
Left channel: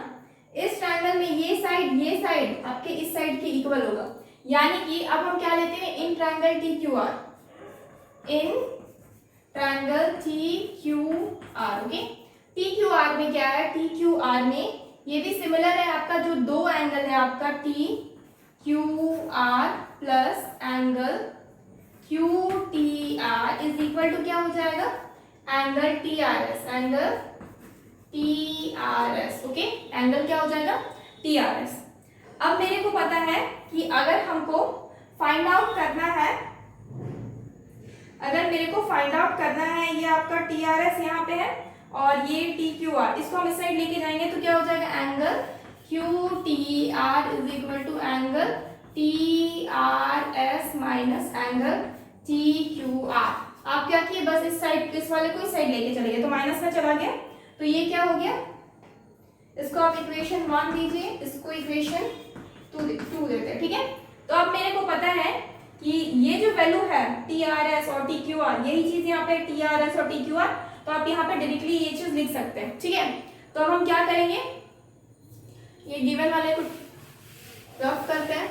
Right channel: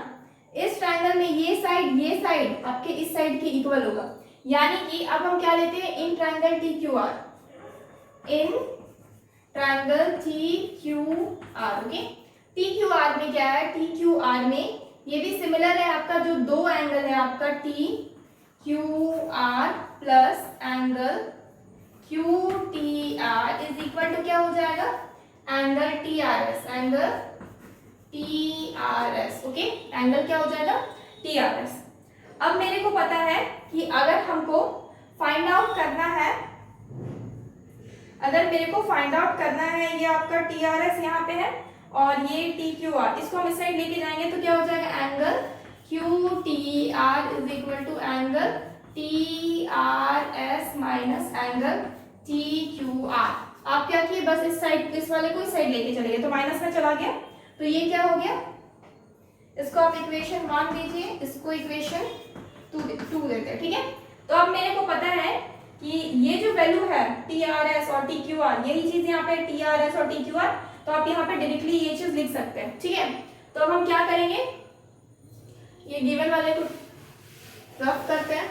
इस ट्रायंगल में ये साइड आपके इस साइड के इक्वल होगा, यानी कि अब हम क्या लेते हैं, in triangle T Q are, in triangle T Q R, okay. T Q are में क्या है, टी क्यू आर में ये भी सिमिलर है, आपका जो दो एंगल है आपका T Q R plus angle Q T R is equal to क्या हो जाएगा, angle T R S, angle T R S, okay, angle क्या हो जाएगा, टी आर एस। अब मेरे को पता है कि अगर हमको फाइंड आउट करना है, अगर मेरे को फाइंड आउट करना है, ये आपका टी आर एस यहाँ पे है और ये टी क्यू आर, इसको हम इस साइड लेके जाएंगे तो क्या हो जाएगा, angle Q T R is equal to angle T R S minus angle T Q R. आप क्या किए, बस इस साइड, इस वाले को इस साइड लेके चले गए तो माइनस में चला गया, तो ये क्या हो गया, इसको आप इक्वेशन 1 दीजिए, इसको इक्वेशन 2 देते हैं, ठीक है। तो अब मेरे को पता है कि ये जो वैल्यू है टी आर एस और टी क्यू आर, यही चीज यहाँ पे टी आर एस और टी क्यू आर, तो आप यहाँ पे डायरेक्टली ये चीज लिख सकते हैं, ठीक है। तो अब हम क्या करेंगे, ये गिवन वाले को रफ करते हैं,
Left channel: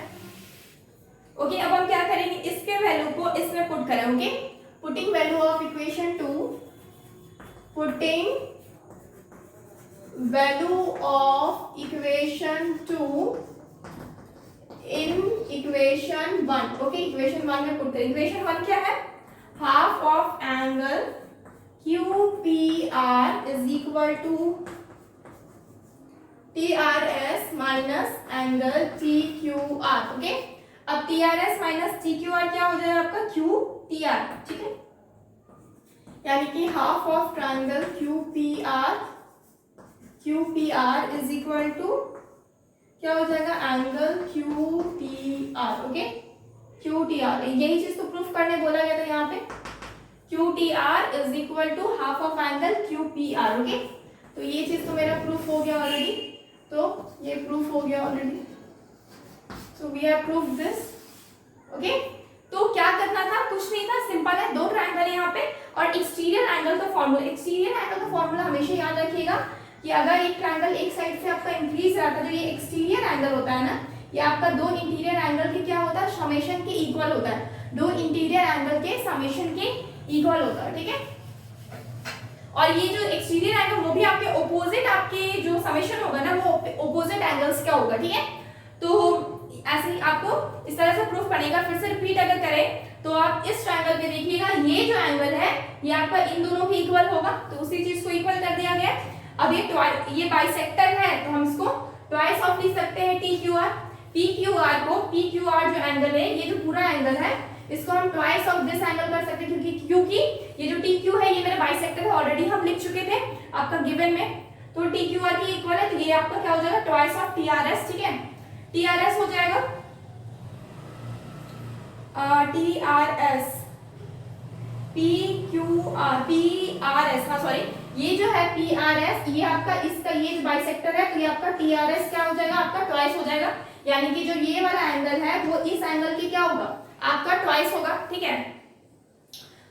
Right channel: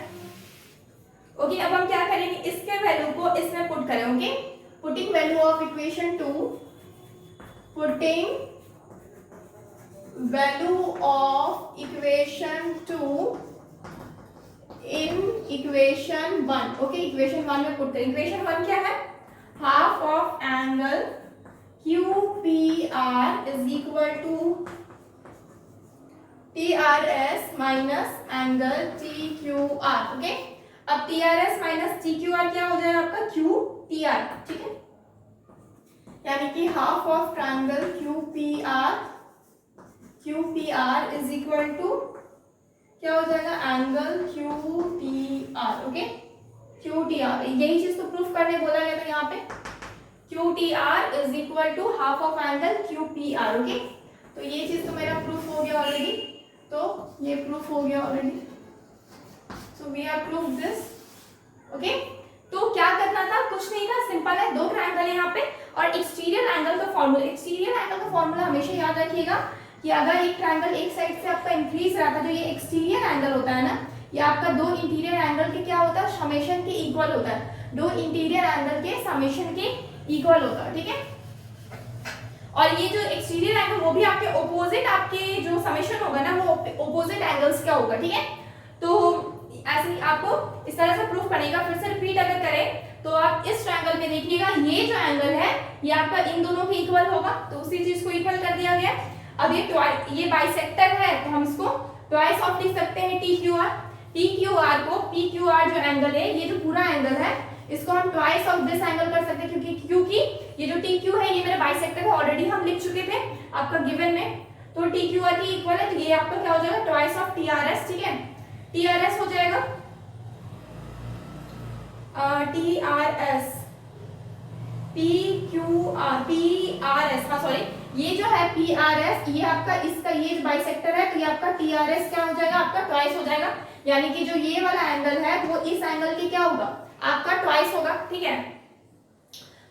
ओके। अब हम क्या करेंगे, इसके वैल्यू को इसमें पुट करें, okay, putting value of equation 2, putting value of equation 2 in equation 1, okay, equation 1 में पुट करें। इक्वेशन 1 क्या है, half of angle Q P R is equal to T R S minus angle T Q R, okay. अब T R S minus T Q R क्या हो जाएगा आपका, Q T are, ठीक है, यानी कि half of triangle Q P R is equal to क्या हो जाएगा, angle Q T R, okay, Q T R, यही चीज तो प्रूफ करने बोला गया था यहाँ पे, Q T R is equal to half of angle Q P R, okay. तो ये चीज तो मेरा प्रूफ हो गया ऑलरेडी, तो ये प्रूफ हो गया already, so we have proof this, okay. तो क्या करना था, कुछ नहीं था, सिंपल है, दो ट्रायंगल है यहाँ पे और एक्सटीरियर एंगल का फॉर्मूला हमेशा याद रखिएगा कि अगर एक ट्रायंगल एक साइड से आपका इंक्रीज रहा था, जो ये एक्सटीरियर एंगल होता है ना, ये आपका दो इंटीरियर एंगल के क्या होता है, समेशन के इक्वल होता है, दो इंटीरियर एंगल के समेशन के इक्वल होता है, ठीक है। और ये जो एक्सटीरियर एंगल वो भी आपके ओपोजिट, आपके जो समेशन होगा ना वो ओपोजिट एंगल्स का होगा, ठीक है। तो ऐसे ही आपको इस तरह से प्रूफ करेगा। फिर से रिपीट अगर करें तो आप इस ट्रायंगल पे देखिएगा, ये जो एंगल है ये आपका इन दोनों के इक्वल होगा, तो उसी चीज को इक्वल कर दिया गया। अब ये बाइसेक्टर है तो हम इसको ट्वाइस ऑफ लिख सकते हैं टी क्यू आर को, पी क्यू आर जो एंगल है, ये जो पूरा एंगल है इसको हम ट्वाइस ऑफ दिस एंगल कर सकते हैं, क्योंकि ये जो टी क्यू है ये मेरा बाइसेक्टर है, ऑलरेडी हम लिख चुके थे आपका गिवन में, तो टी क्यू आर की इक्वल है, तो ये आपका क्या हो जाएगा, twice of T R S, ठीक है। टी आर एस हो जाएगा T R S, P Q are, P R S, हाँ सॉरी, ये जो है PRS, ये आपका इसका ये बाइसेक्टर है, तो ये आपका TRS क्या हो जाएगा, आपका ट्वाइस हो जाएगा। यानी कि जो ये वाला एंगल है वो इस एंगल की क्या होगा, आपका ट्वाइस होगा। ठीक है,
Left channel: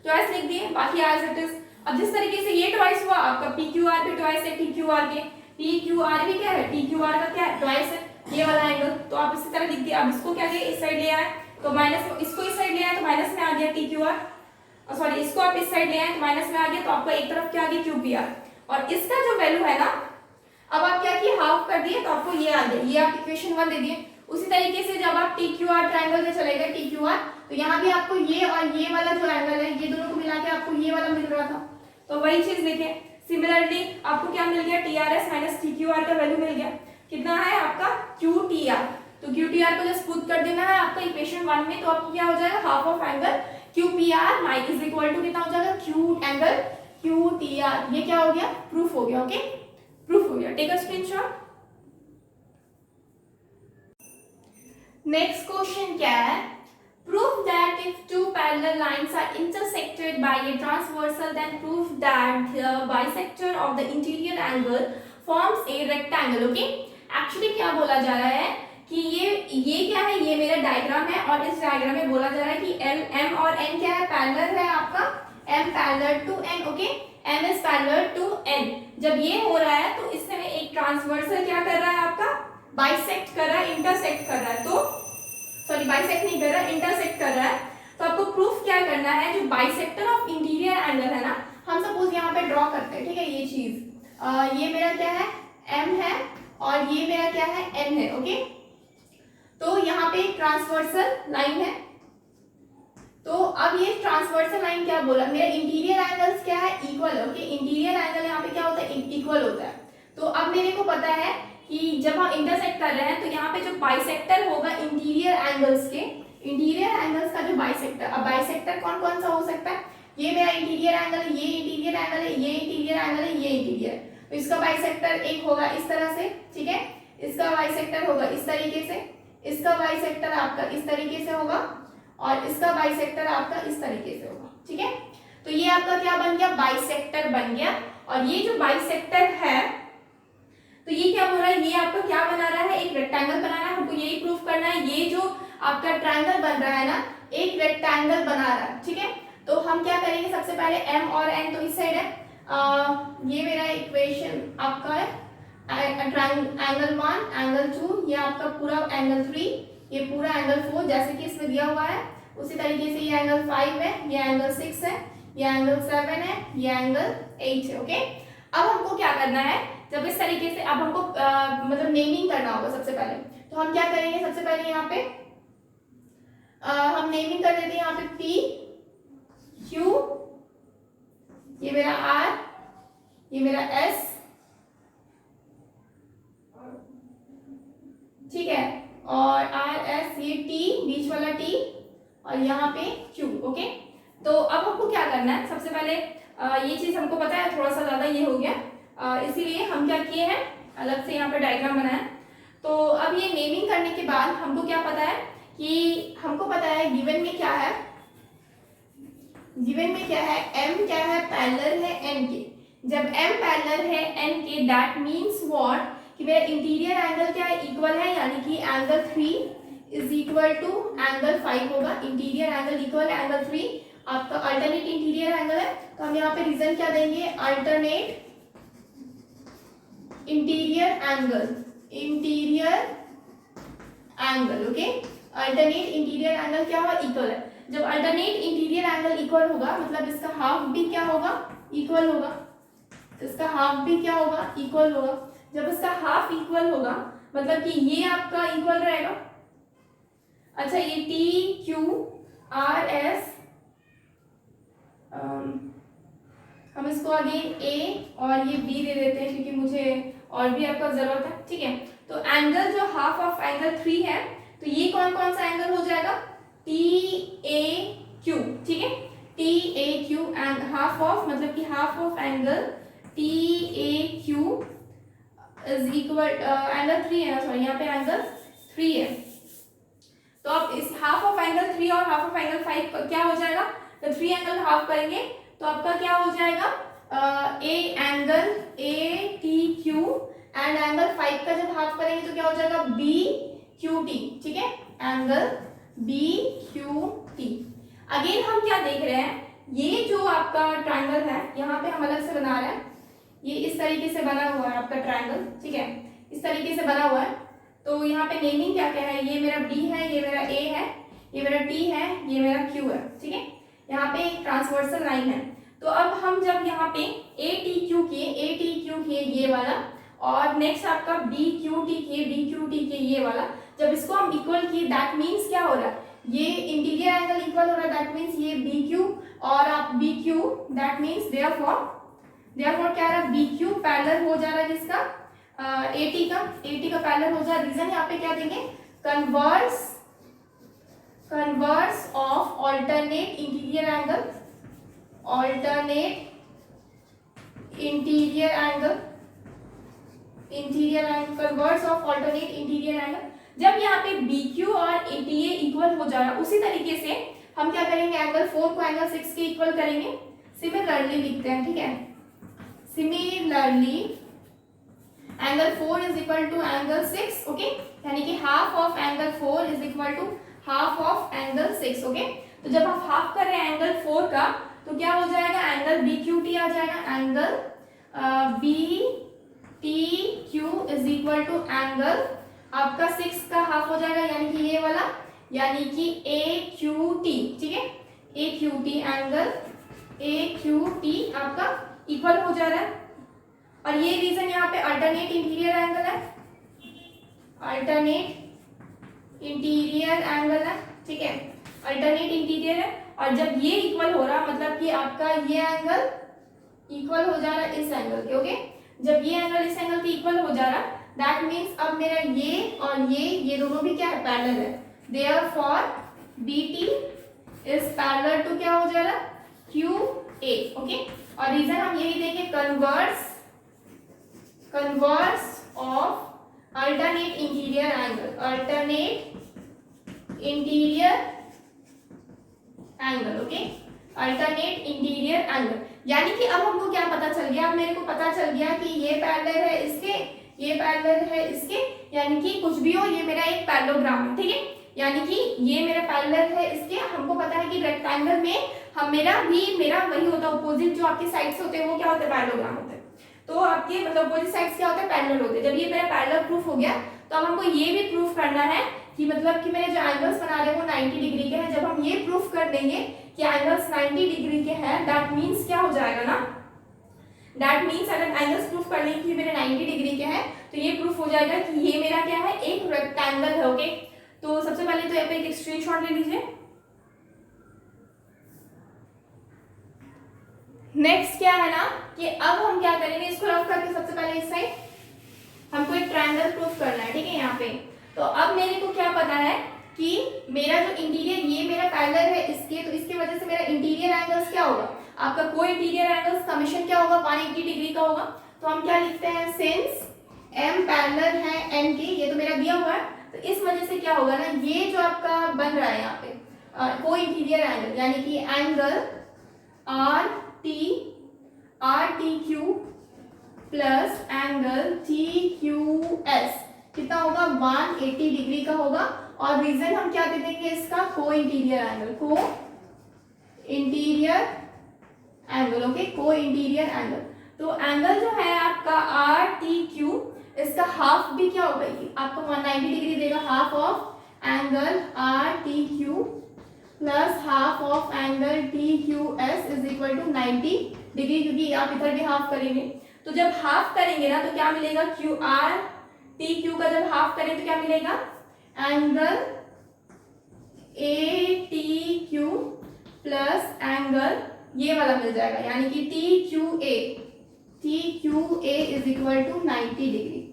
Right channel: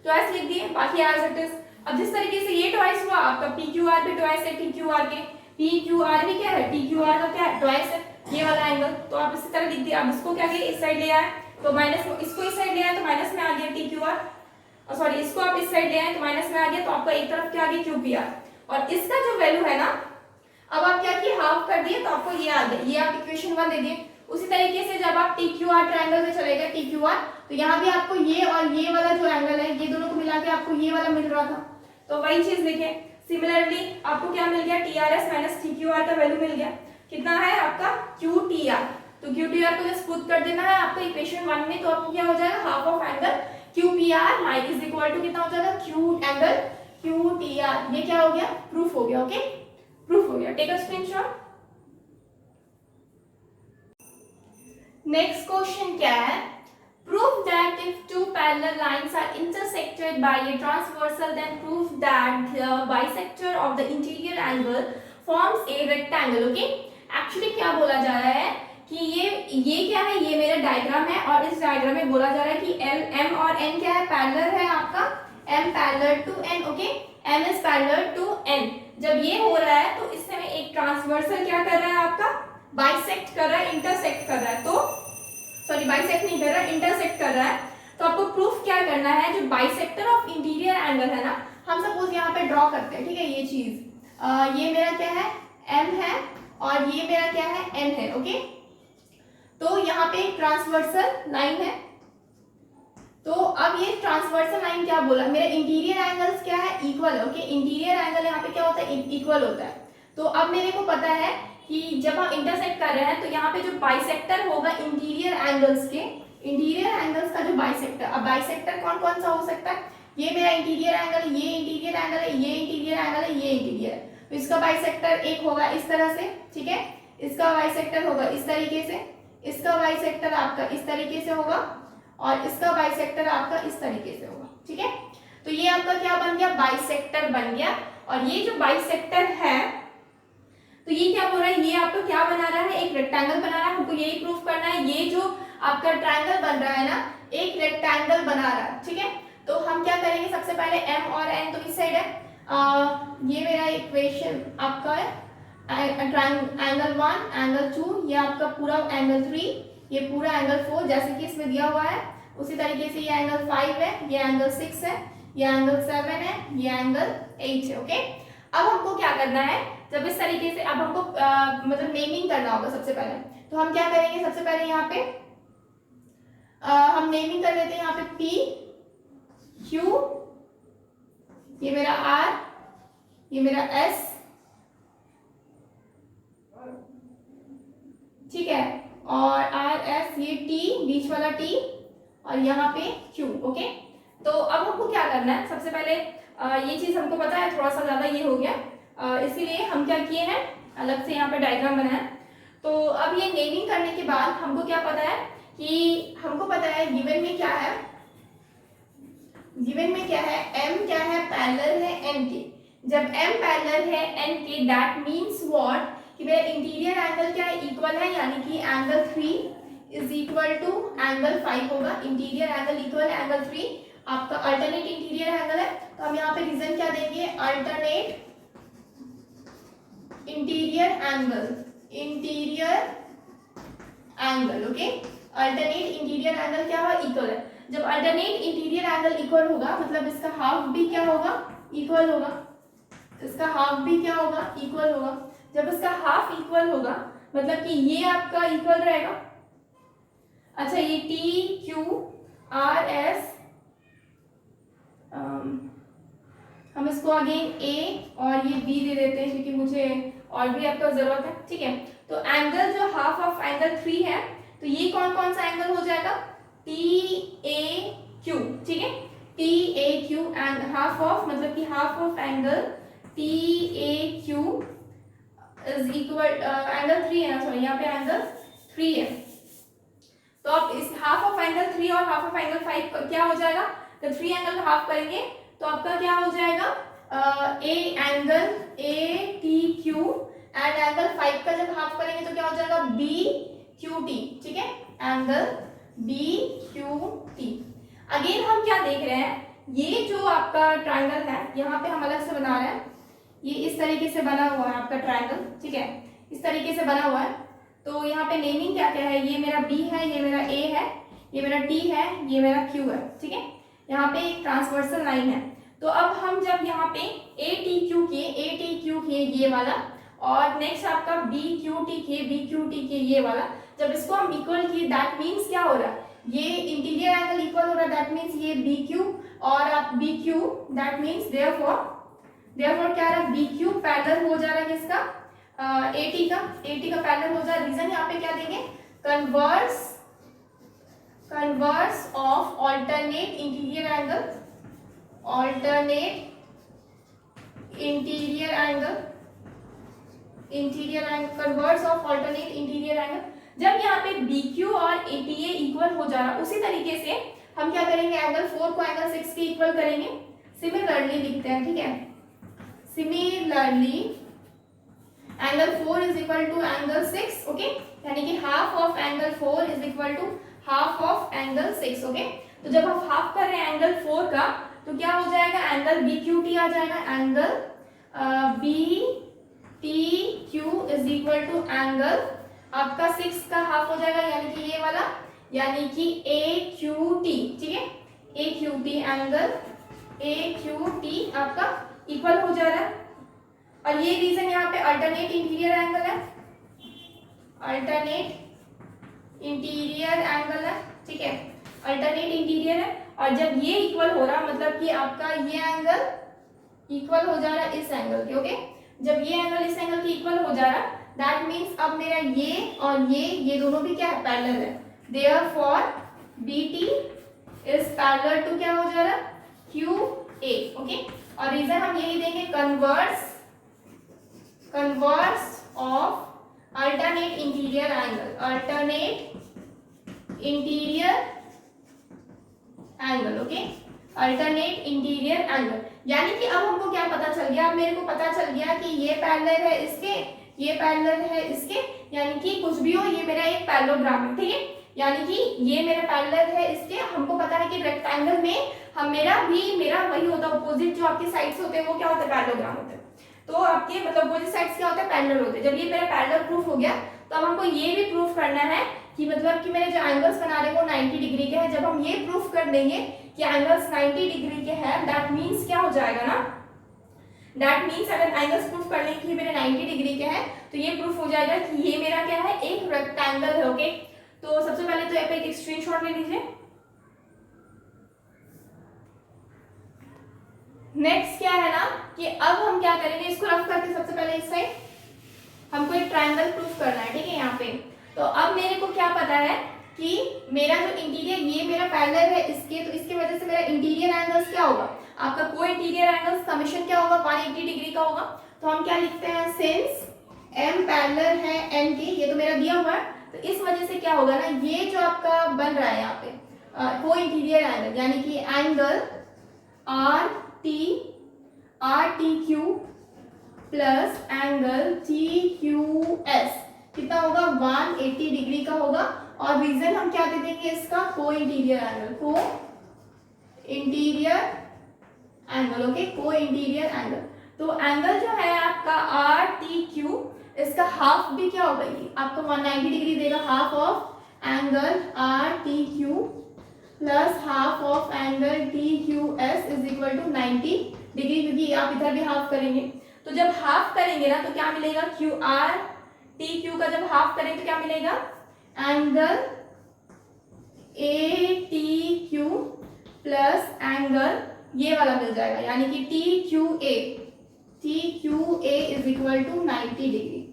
ट्वाइस लिख दिए, बाकी एज इट इज। अब जिस तरीके से ये ट्वाइस हुआ, आपका PQR भी ट्वाइस है TQR के, PQR भी क्या है, TQR का क्या है, ट्वाइस है ये वाला एंगल। तो आप इसी तरह लिख दिए। अब इसको क्या किया, इस साइड ले आए तो माइनस, इसको इस साइड ले आए तो माइनस में आ गया TQR, और सॉरी इसको आप इस साइड ले आए तो माइनस में आ गया, तो आपको एक तरफ क्या आ गया QPR। और इसका जो वैल्यू है ना, अब आप क्या किए, हाफ कर दिए तो आपको ये आ गया, ये आप इक्वेशन 1 दे दिए। उसी तरीके से जब आप TQR ट्रायंगल में चले गए TQR, तो यहाँ भी आपको ये और ये वाला जो एंगल है, ये दोनों को मिला के आपको ये वाला मिल रहा था, तो वही चीज देखें। सिमिलरली आपको क्या मिल गया, TRS माइनस TQR का वैल्यू मिल गया, कितना है आपका QTR। तो QTR को जस्ट पुट कर देना है आपका इक्वेशन 1 में, तो आपको क्या हो जाएगा, half of angle QPR minus is equal to कितना हो जाएगा, Q एंगल QTR। ये क्या हो गया, प्रूफ हो गया। ओके, प्रूफ हो गया, take a screenshot. Next question क्या है, prove that if two parallel lines are intersected by a transversal, then prove that the bisector of the interior angle forms a rectangle. Okay, actually क्या बोला जा रहा है कि ये क्या है, ये मेरा डायग्राम है और इस डायग्राम में बोला जा रहा है कि M और N क्या है, पैरेलल है आपका, M parallel to N। Okay, M is parallel to N। जब ये हो रहा है तो इसमें एक ट्रांसवर्सल क्या कर रहा है आपका, बाइसेक्ट कर रहा है, इंटरसेक्ट कर रहा है, तो सॉरी बाइसेक्ट नहीं कर रहा है, इंटरसेक्ट कर रहा है। तो आपको प्रूफ क्या करना है, जो बाइसेक्टर ऑफ इंटीरियर एंगल है ना, हम सपोज यहाँ पे ड्रॉ करते हैं। ठीक है, ये चीज ये मेरा क्या है, M है और ये मेरा क्या है, N है। ओके, तो यहाँ पे एक ट्रांसवर्सल लाइन है, तो अब ये ट्रांसवर्सल लाइन क्या बोला, मेरा इंटीरियर एंगल्स क्या है, इक्वल है। ओके, इंटीरियर एंगल यहाँ पे क्या होता है, इक्वल होता है। तो अब मेरे को पता है कि जब हम इंटरसेक्ट कर रहे हैं तो यहाँ पे जो बाइसेक्टर होगा इंटीरियर एंगल्स के, इंटीरियर एंगल्स का जो बाइसेक्टर, अब बाइसेक्टर कौन कौन सा हो सकता है, ये मेरा इंटीरियर एंगल, ये इंटीरियर एंगल है, ये इंटीरियर एंगल है, ये इंटीरियर है, तो इसका बाइसेक्टर एक होगा इस तरह से। ठीक है, इसका बाइसेक्टर होगा इस तरीके से, इसका बाइसेक्टर आपका इस तरीके से होगा और इसका बाइसेक्टर आपका इस तरीके से होगा। ठीक है, तो ये आपका क्या बन गया, बाइसेक्टर बन गया। और ये जो बाइसेक्टर है, तो ये क्या बोल रहा है, ये आपका क्या बना रहा है, एक रेक्टेंगल बना रहा है। हमको यही प्रूफ करना है, ये जो आपका ट्रायंगल बन रहा है ना, एक रेक्टेंगल बना रहा है। ठीक है, तो हम क्या करेंगे, सबसे पहले M और N तो इस साइड है, ये मेरा इक्वेशन आपका है, एंगल 1, एंगल 2, ये आपका पूरा एंगल 3, ये पूरा एंगल 4 जैसे कि इसमें दिया हुआ है। उसी तरीके से ये एंगल 5 है, ये एंगल 6 है, ये एंगल 7 है, ये एंगल 8 है। ओके, अब हमको क्या करना है, जब इस तरीके से अब हमको मतलब नेमिंग करना होगा सबसे पहले, तो हम क्या करेंगे, सबसे पहले यहाँ पे हम नेमिंग कर देते हैं, यहाँ पे P Q, ये मेरा R, ये मेरा S। ठीक है, और R S, ये T बीच वाला T, और यहाँ पे Q। ओके, तो अब हमको क्या करना है, सबसे पहले ये चीज हमको पता है, थोड़ा सा ज्यादा ये हो गया, इसीलिए हम क्या किए हैं, अलग से यहाँ पे डायग्राम बनाया। तो अब ये नेमिंग करने के बाद हमको क्या पता है कि हमको पता है गिवन में क्या है, गिवन में क्या है, M क्या है, पैरेलल है N के। जब M पैरेलल है N के, दैट मीन्स व्हाट, कि मेरा इंटीरियर एंगल क्या है, इक्वल है, यानी कि angle 3 is equal to angle 5 होगा। इंटीरियर एंगल इक्वल है एंगल 3, आपका अल्टरनेट इंटीरियर एंगल है, तो हम यहाँ पे रीजन क्या देंगे, alternate interior angle, interior angle. Okay, alternate interior angle क्या होगा, इक्वल है। जब अल्टरनेट इंटीरियर एंगल इक्वल होगा, मतलब इसका हाफ भी क्या होगा, इक्वल होगा, इसका हाफ भी क्या होगा, इक्वल होगा। जब इसका हाफ इक्वल होगा, मतलब कि ये आपका इक्वल रहेगा। अच्छा, ये T Q R S, हम इसको आगे A और ये B दे देते हैं क्योंकि मुझे और भी आपका जरूरत है। ठीक है, तो एंगल जो हाफ ऑफ एंगल 3 है, तो ये कौन कौन सा एंगल हो जाएगा, TAQ। ठीक है, TAQ एंड हाफ ऑफ, मतलब कि half of angle TAQ is equal angle 3 है ना, सॉरी यहाँ पे एंगल 3 है, तो आप इस हाफ ऑफ एंगल 3 और हाफ ऑफ एंगल 5 क्या हो जाएगा, तो 3 एंगल हाफ करेंगे तो आपका क्या हो जाएगा, ए angle A T Q and angle 5 का जब हाफ करेंगे तो क्या हो जाएगा बी क्यू टी, ठीक है, angle B Q T. Again हम क्या देख रहे हैं, ये जो आपका ट्राइंगल है यहाँ पे हम अलग से बना रहे हैं, ये इस तरीके से बना हुआ है आपका ट्राइंगल, ठीक है, इस तरीके से बना हुआ है। तो यहाँ पे नेमिंग क्या क्या है, ये मेरा बी है, ये मेरा ए है, ये मेरा टी है, ये मेरा क्यू है, ठीक है। यहाँ पे एक ट्रांसवर्सल लाइन है। तो अब हम जब यहाँ पे ए टी क्यू किए ये वाला, और नेक्स्ट आपका बी क्यू टी किए ये वाला, जब इसको हम इक्वल किए दैट मीन्स क्या हो रहा है, ये इंटीरियर एंगल इक्वल हो रहा है, दैट मीन्स ये बी क्यू और आप B Q, that means therefore क्या है, बी क्यू पैरेलल हो जा रहा है किसका, ए टी का पैरेलल हो जा रहा है। रीजन यहाँ पे क्या देंगे, converse of alternate interior angle, converse of alternate interior angle. जब यहाँ पे बी क्यू और ए टी ए इक्वल हो जा रहा है, उसी तरीके से हम क्या करेंगे, एंगल 4 को एंगल 6 के इक्वल करेंगे। सिमिलरली लिखते हैं, ठीक है, similarly angle 4 is equal to angle 6, okay, यानी कि half of angle 4 is equal to half of angle 6, okay. तो जब हम हाफ कर रहे हैं एंगल 4 का तो क्या हो जाएगा, एंगल बी क्यू टी आ जाएगा, angle B T Q is equal to angle आपका 6 का हाफ हो जाएगा, यानी कि ये वाला, यानी कि ए क्यू टी, ठीक है, A Q T, angle A Q T आपका इक्वल हो जा रहा है। और ये रीजन यहाँ पे अल्टरनेट इंटीरियर एंगल है, अल्टरनेट इंटीरियर एंगल है, ठीक है, अल्टरनेट इंटीरियर है। और जब ये इक्वल हो रहा मतलब कि आपका ये एंगल इक्वल हो जा रहा है इस एंगल के, ओके, जब ये एंगल इस एंगल के इक्वल हो जा रहा दैट मीन्स अब मेरा ये और ये दोनों भी क्या है, पैरेलल है। Therefore B T is parallel to क्या हो जा रहा, क्यू ए, ओके। और रीजन हम यही देंगे, converse of alternate interior angle, okay, alternate interior angle. यानी कि अब हमको क्या पता चल गया, अब मेरे को पता चल गया कि ये पैरेलल है इसके, ये पैरेलल है इसके, यानी कि कुछ भी हो ये मेरा एक पैरेललोग्राम है, ठीक है, यानी कि ये मेरा पैरेलल है इसके। हमको पता है कि रेक्टेंगल में हम मेरा वही होता है, अपोजिट जो आपकी साइड्स होते हैं वो क्या होता है, पैरेललोग्राम होते हैं। तो आपके मतलब अपोजिट साइड्स क्या होता है, पैरेलल होते हैं। जब ये मेरा पैरेलल प्रूफ हो गया तो अब हमको ये भी प्रूफ करना है कि मतलब कि मेरे जो एंगल्स बना रहे हैं वो 90 डिग्री के हैं। जब हम ये प्रूफ कर देंगे कि एंगल्स 90 डिग्री के हैं, दैट मीन्स क्या हो जाएगा ना, दैट मीन्स अगर एंगल्स प्रूफ कर लेंगे कि मेरे 90 डिग्री के हैं तो ये प्रूफ हो जाएगा कि ये मेरा क्या है, एक रेक्टेंगल है, ओके। तो सबसे पहले तो यहाँ पे एक स्क्रीनशॉट ले लीजिए। नेक्स्ट क्या है ना कि अब हम क्या करेंगे, इसको रफ करके सबसे पहले इस साइड हमको एक ट्रायंगल प्रूफ करना है, ठीक है, यहाँ पे। तो अब मेरे को क्या पता है कि मेरा जो इंटीरियर, ये मेरा पैरेलल है इसके, तो इसकी वजह से मेरा इंटीरियर एंगल्स क्या होगा, आपका को इंटीरियर एंगल समेशन क्या होगा, 180 डिग्री का होगा। तो हम क्या लिखते हैं, सिंस एम पैरेलल है एन के, ये तो मेरा दिया हुआ है, तो इस वजह से क्या होगा ना, ये जो आपका बन रहा है यहाँ पे को इंटीरियर एंगल, यानी कि angle R T Q plus angle T Q S कितना होगा, 180 डिग्री का होगा। और रीजन हम क्या दे देंगे इसका, co interior angle, okay, co interior angle. तो एंगल जो है आपका आर टी क्यू, इसका हाफ भी क्या होगा, आपको 190 डिग्री देगा, half of angle R T Q plus half of angle T Q S is equal to 90 degree, क्योंकि आप इधर भी हाफ करेंगे। तो जब हाफ करेंगे ना तो क्या मिलेगा, क्यू आर टी क्यू का जब हाफ करें तो क्या मिलेगा, angle A T Q plus angle ये वाला मिल जाएगा, यानी कि T Q A is equal to 90 degree.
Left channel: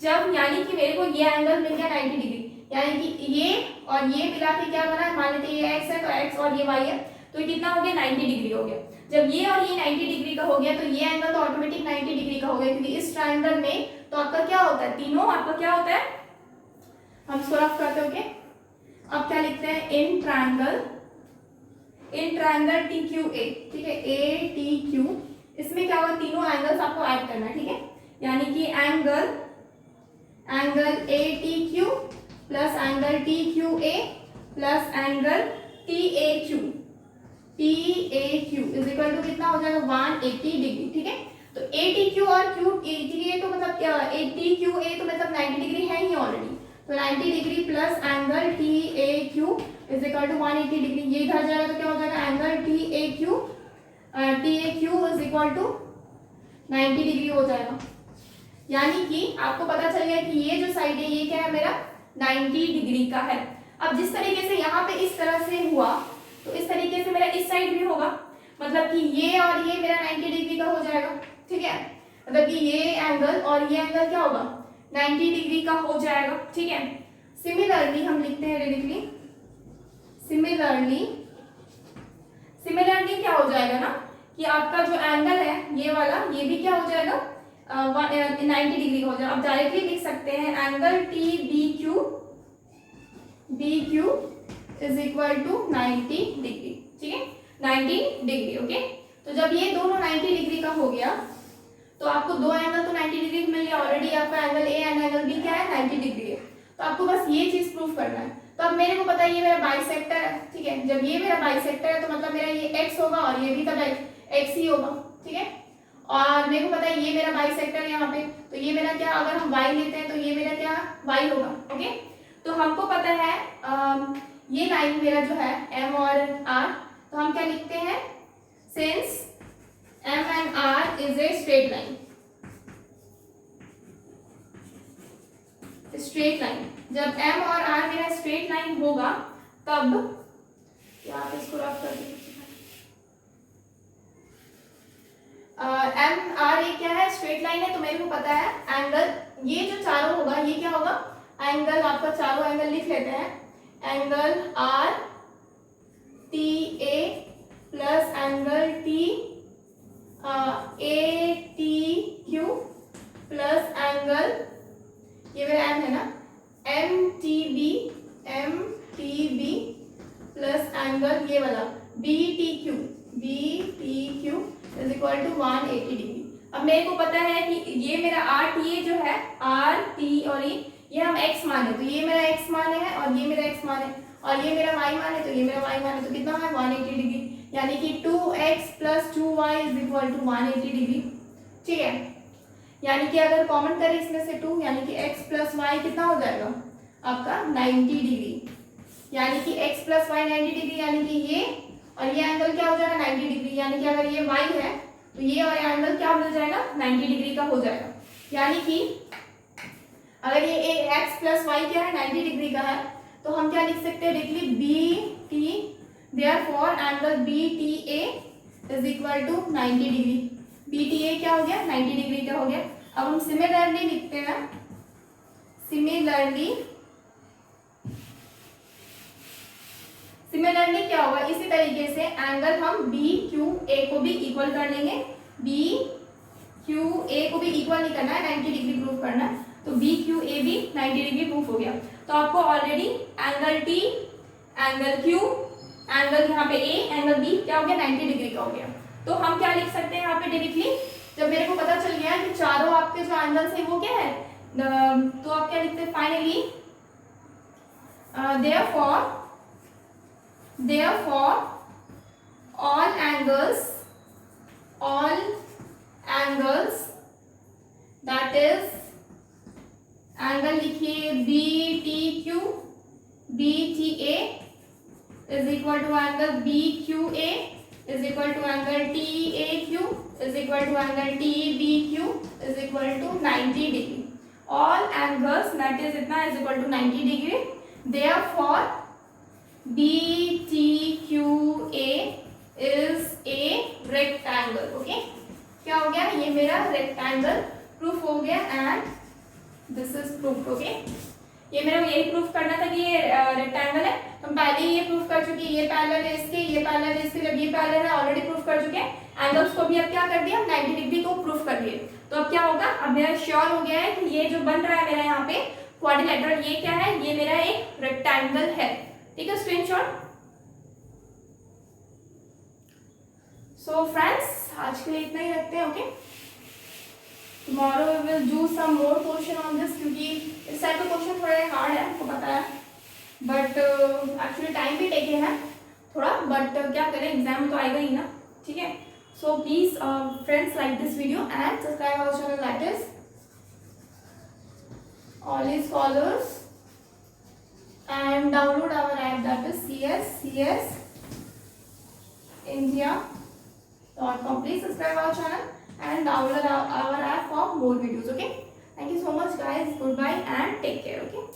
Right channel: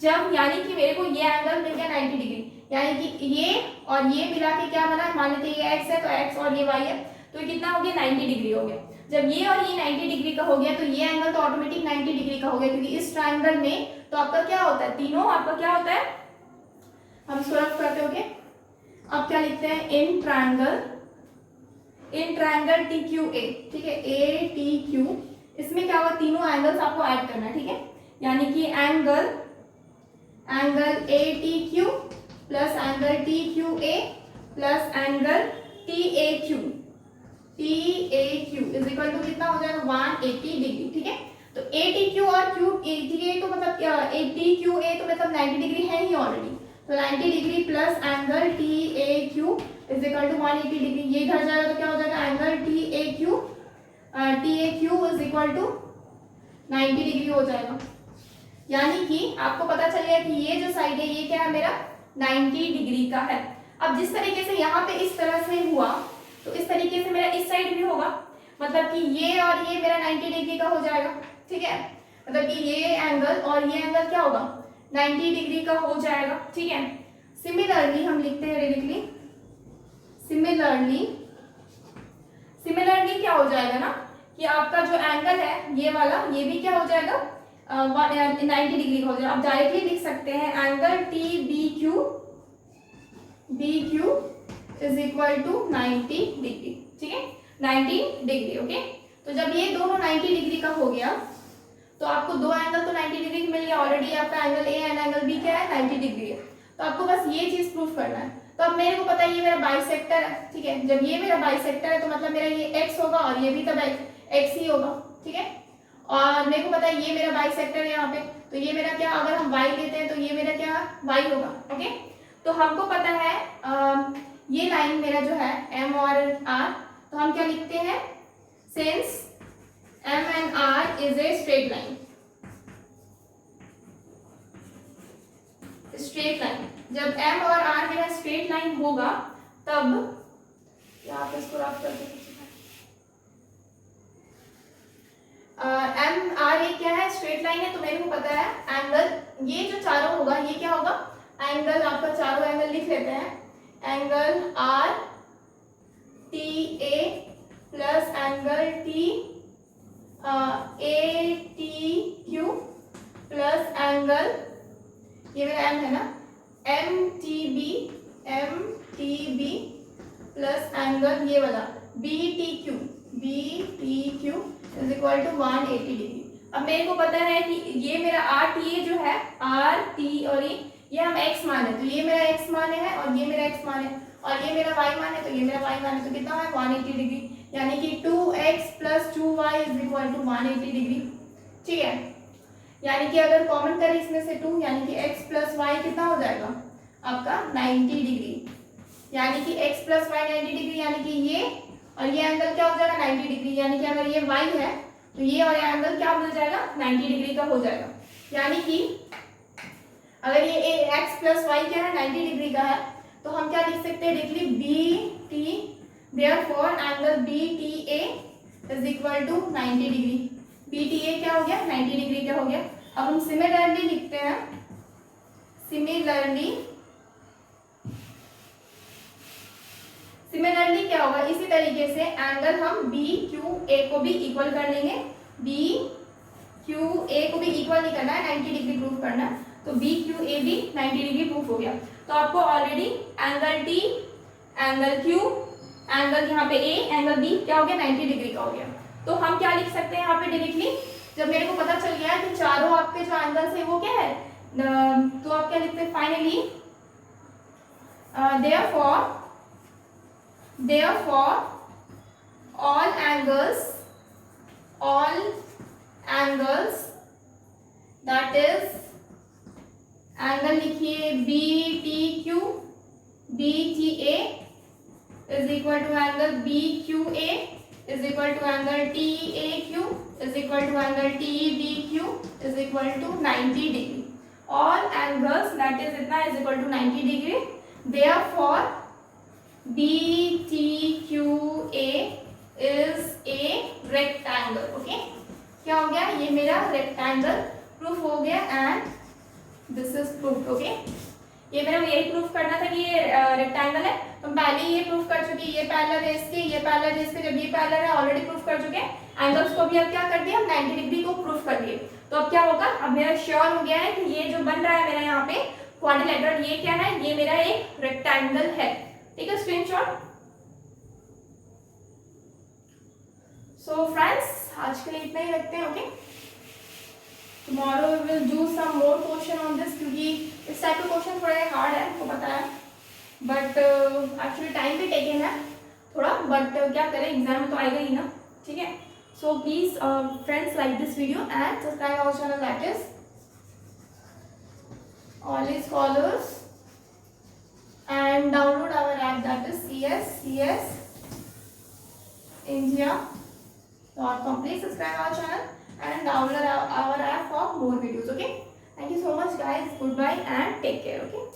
जब यानी कि मेरे को ये एंगल मिल गया 90 डिग्री, यानी कि ये और ये मिला के क्या बना, मान लेते ये x है तो x और ये y है, तो कितना हो गया, 90 डिग्री हो गया। जब ये और ये 90 डिग्री का हो गया तो ये एंगल तो ऑटोमेटिक 90 डिग्री का हो गया, क्योंकि इस ट्रायंगल में तो आपका क्या होता है, तीनों आपका क्या होता है, हम इसको रफ करते हो। अब क्या लिखते हैं, इन ट्रायंगल टी क्यू ए, ठीक है, ए टी क्यू इसमें क्या होगा, तीनों एंगल्स आपको ऐड करना है, ठीक है। यानी कि angle A T Q plus angle T Q A plus angle T A Q is equal to कितना हो जाएगा 180 डिग्री, ठीक है। तो ए टी क्यू और क्यू ए तो मतलब ए टी क्यू ए तो मतलब 90 डिग्री है ही ऑलरेडी, तो 90 degree plus angle T A Q is equal to 180 degree. ये इधर जाएगा तो क्या हो जाएगा, angle T A Q is equal to 90 degree हो जाएगा। यानी कि आपको पता चल गया कि ये जो साइड है ये क्या है, मेरा 90 डिग्री का है। अब जिस तरीके से यहाँ पे इस तरह से हुआ, तो इस तरीके से मेरा इस साइड भी होगा, मतलब कि ये और ये मेरा 90 डिग्री का हो जाएगा, ठीक है। मतलब कि ये एंगल और ये एंगल क्या होगा, 90 डिग्री का हो जाएगा, ठीक है। सिमिलरली हम लिखते हैं डायरेक्टली, सिमिलरली क्या हो जाएगा ना कि आपका जो एंगल है ये वाला, ये भी क्या हो जाएगा 90 डिग्री का हो जाएगा। अब डायरेक्टली लिख सकते हैं angle T B Q is equal to 90 degree, ठीक है, 90 डिग्री, ओके। तो जब ये दोनों 90 डिग्री का हो गया तो आपको दो एंगल तो 90 डिग्री मिल गया ऑलरेडी, आपका angle A and angle B क्या है 90 डिग्री है। तो आपको बस ये चीज प्रूफ करना है। तो अब मेरे को पता है ये मेरा बाइसेक्टर है, ठीक है। जब ये मेरा बाइसेक्टर है तो मतलब मेरा ये एक्स होगा और ये भी तब एक्स ही होगा, ठीक है। और मेरे को पता है ये मेरा बाइसेक्टर है यहाँ पे, तो ये मेरा क्या, अगर हम y लेते हैं तो ये मेरा क्या y होगा, ओके। तो हमको पता है ये लाइन मेरा जो है m और r, तो हम क्या लिखते हैं, since m and r is a straight line, जब m और r मेरा स्ट्रेट लाइन होगा तब आप इसको रफ कर दीजिए। एम आर ए क्या है, स्ट्रेट लाइन है, तो मेरे को पता है एंगल ये जो चारों होगा ये क्या होगा, एंगल आपका चारों एंगल लिख लेते हैं, angle R T A plus angle T A T Q plus angle ये मेरा एम है ना M T B plus angle ये वाला B T Q is equal to 180 degree. अब मेरे को पता है कि ये मेरा आर टी ए जो है, आर टी और ये हम एक्स माने, तो ये मेरा एक्स माने है और ये मेरा एक्स माने, और ये मेरा वाई माने तो ये मेरा वाई माने, तो कितना है 180 डिग्री। यानी कि 2x plus 2y is equal to 180 degree, ठीक है। यानी कि अगर कॉमन करें इसमें से 2, यानी कि x प्लस वाई कितना हो जाएगा आपका 90 डिग्री। यानी कि x प्लस वाई 90 डिग्री, यानी कि ये और ये एंगल क्या हो जाएगा 90 डिग्री। यानी कि अगर ये y है तो ये और ये एंगल क्या हो जाएगा 90 डिग्री का हो जाएगा। यानी कि अगर ये x प्लस वाई क्या है 90 डिग्री का है, तो हम क्या लिख सकते हैं directly B T, therefore angle B T A is equal to 90 degree. B T A क्या हो गया 90 डिग्री का हो गया। अब हम सिमिलरली लिखते हैं, सिमिलरली क्या होगा, इसी तरीके से एंगल हम बी क्यू ए को भी इक्वल कर लेंगे। बी क्यू ए को भी इक्वल नहीं करना है, 90 डिग्री प्रूफ करना है, तो बी क्यू ए भी 90 डिग्री प्रूफ हो गया। तो आपको already angle T, angle Q, angle यहाँ पे ए, एंगल बी क्या हो गया 90 डिग्री का हो गया। तो हम क्या लिख सकते हैं यहाँ पे डायरेक्टली, जब मेरे को पता चल गया है कि चारों आपके जो एंगल्स है वो क्या है, तो आप क्या लिखते हैं finally, therefore all angles that is angle लिखिए B T Q B T A is equal to angle B Q A is equal to angle T A Q is equal to angle T B Q is equal to 90 degree. All angles that is इतना is equal to 90 degree, therefore B T Q A is a rectangle. Okay, क्या हो गया, ये मेरा rectangle proof हो गया and this is proof. Okay, ये मेरा यही प्रूफ करना था कि ये रेक्टेंगल है, तो हम पहले ये प्रूफ कर चुके, ये पैरेलल है इसके, ये पैरेलल है इसके, जब ये पैरेलल है ऑलरेडी प्रूफ कर चुके हैं। एंगल्स को भी अब क्या कर दिया, 90 डिग्री को प्रूफ कर दिए। तो अब क्या होगा, अब मेरा श्योर हो गया है कि ये जो बन रहा है मेरा यहाँ पे क्वाड्रिलेटरल, ये क्या है, ये मेरा एक रेक्टेंगल है। ठीक है, स्क्रीनशॉट। सो फ्रेंड्स, आज के लिए इतना ही रखते हैं. Okay, tomorrow will do some more question on this, क्योंकि इस टाइप के क्वेश्चन थोड़े हार्ड है, आपको पता है, बट एक्चुअली टाइम भी टेकन है थोड़ा, बट क्या करें, एग्जाम तो आएगा ही ना. ठीक है, so please friends like this video and subscribe our channel that is All Scholars, and download our app that is csindia.com. Please subscribe our channel and download our app for more videos. Okay, thank you so much guys, goodbye and take care. Okay.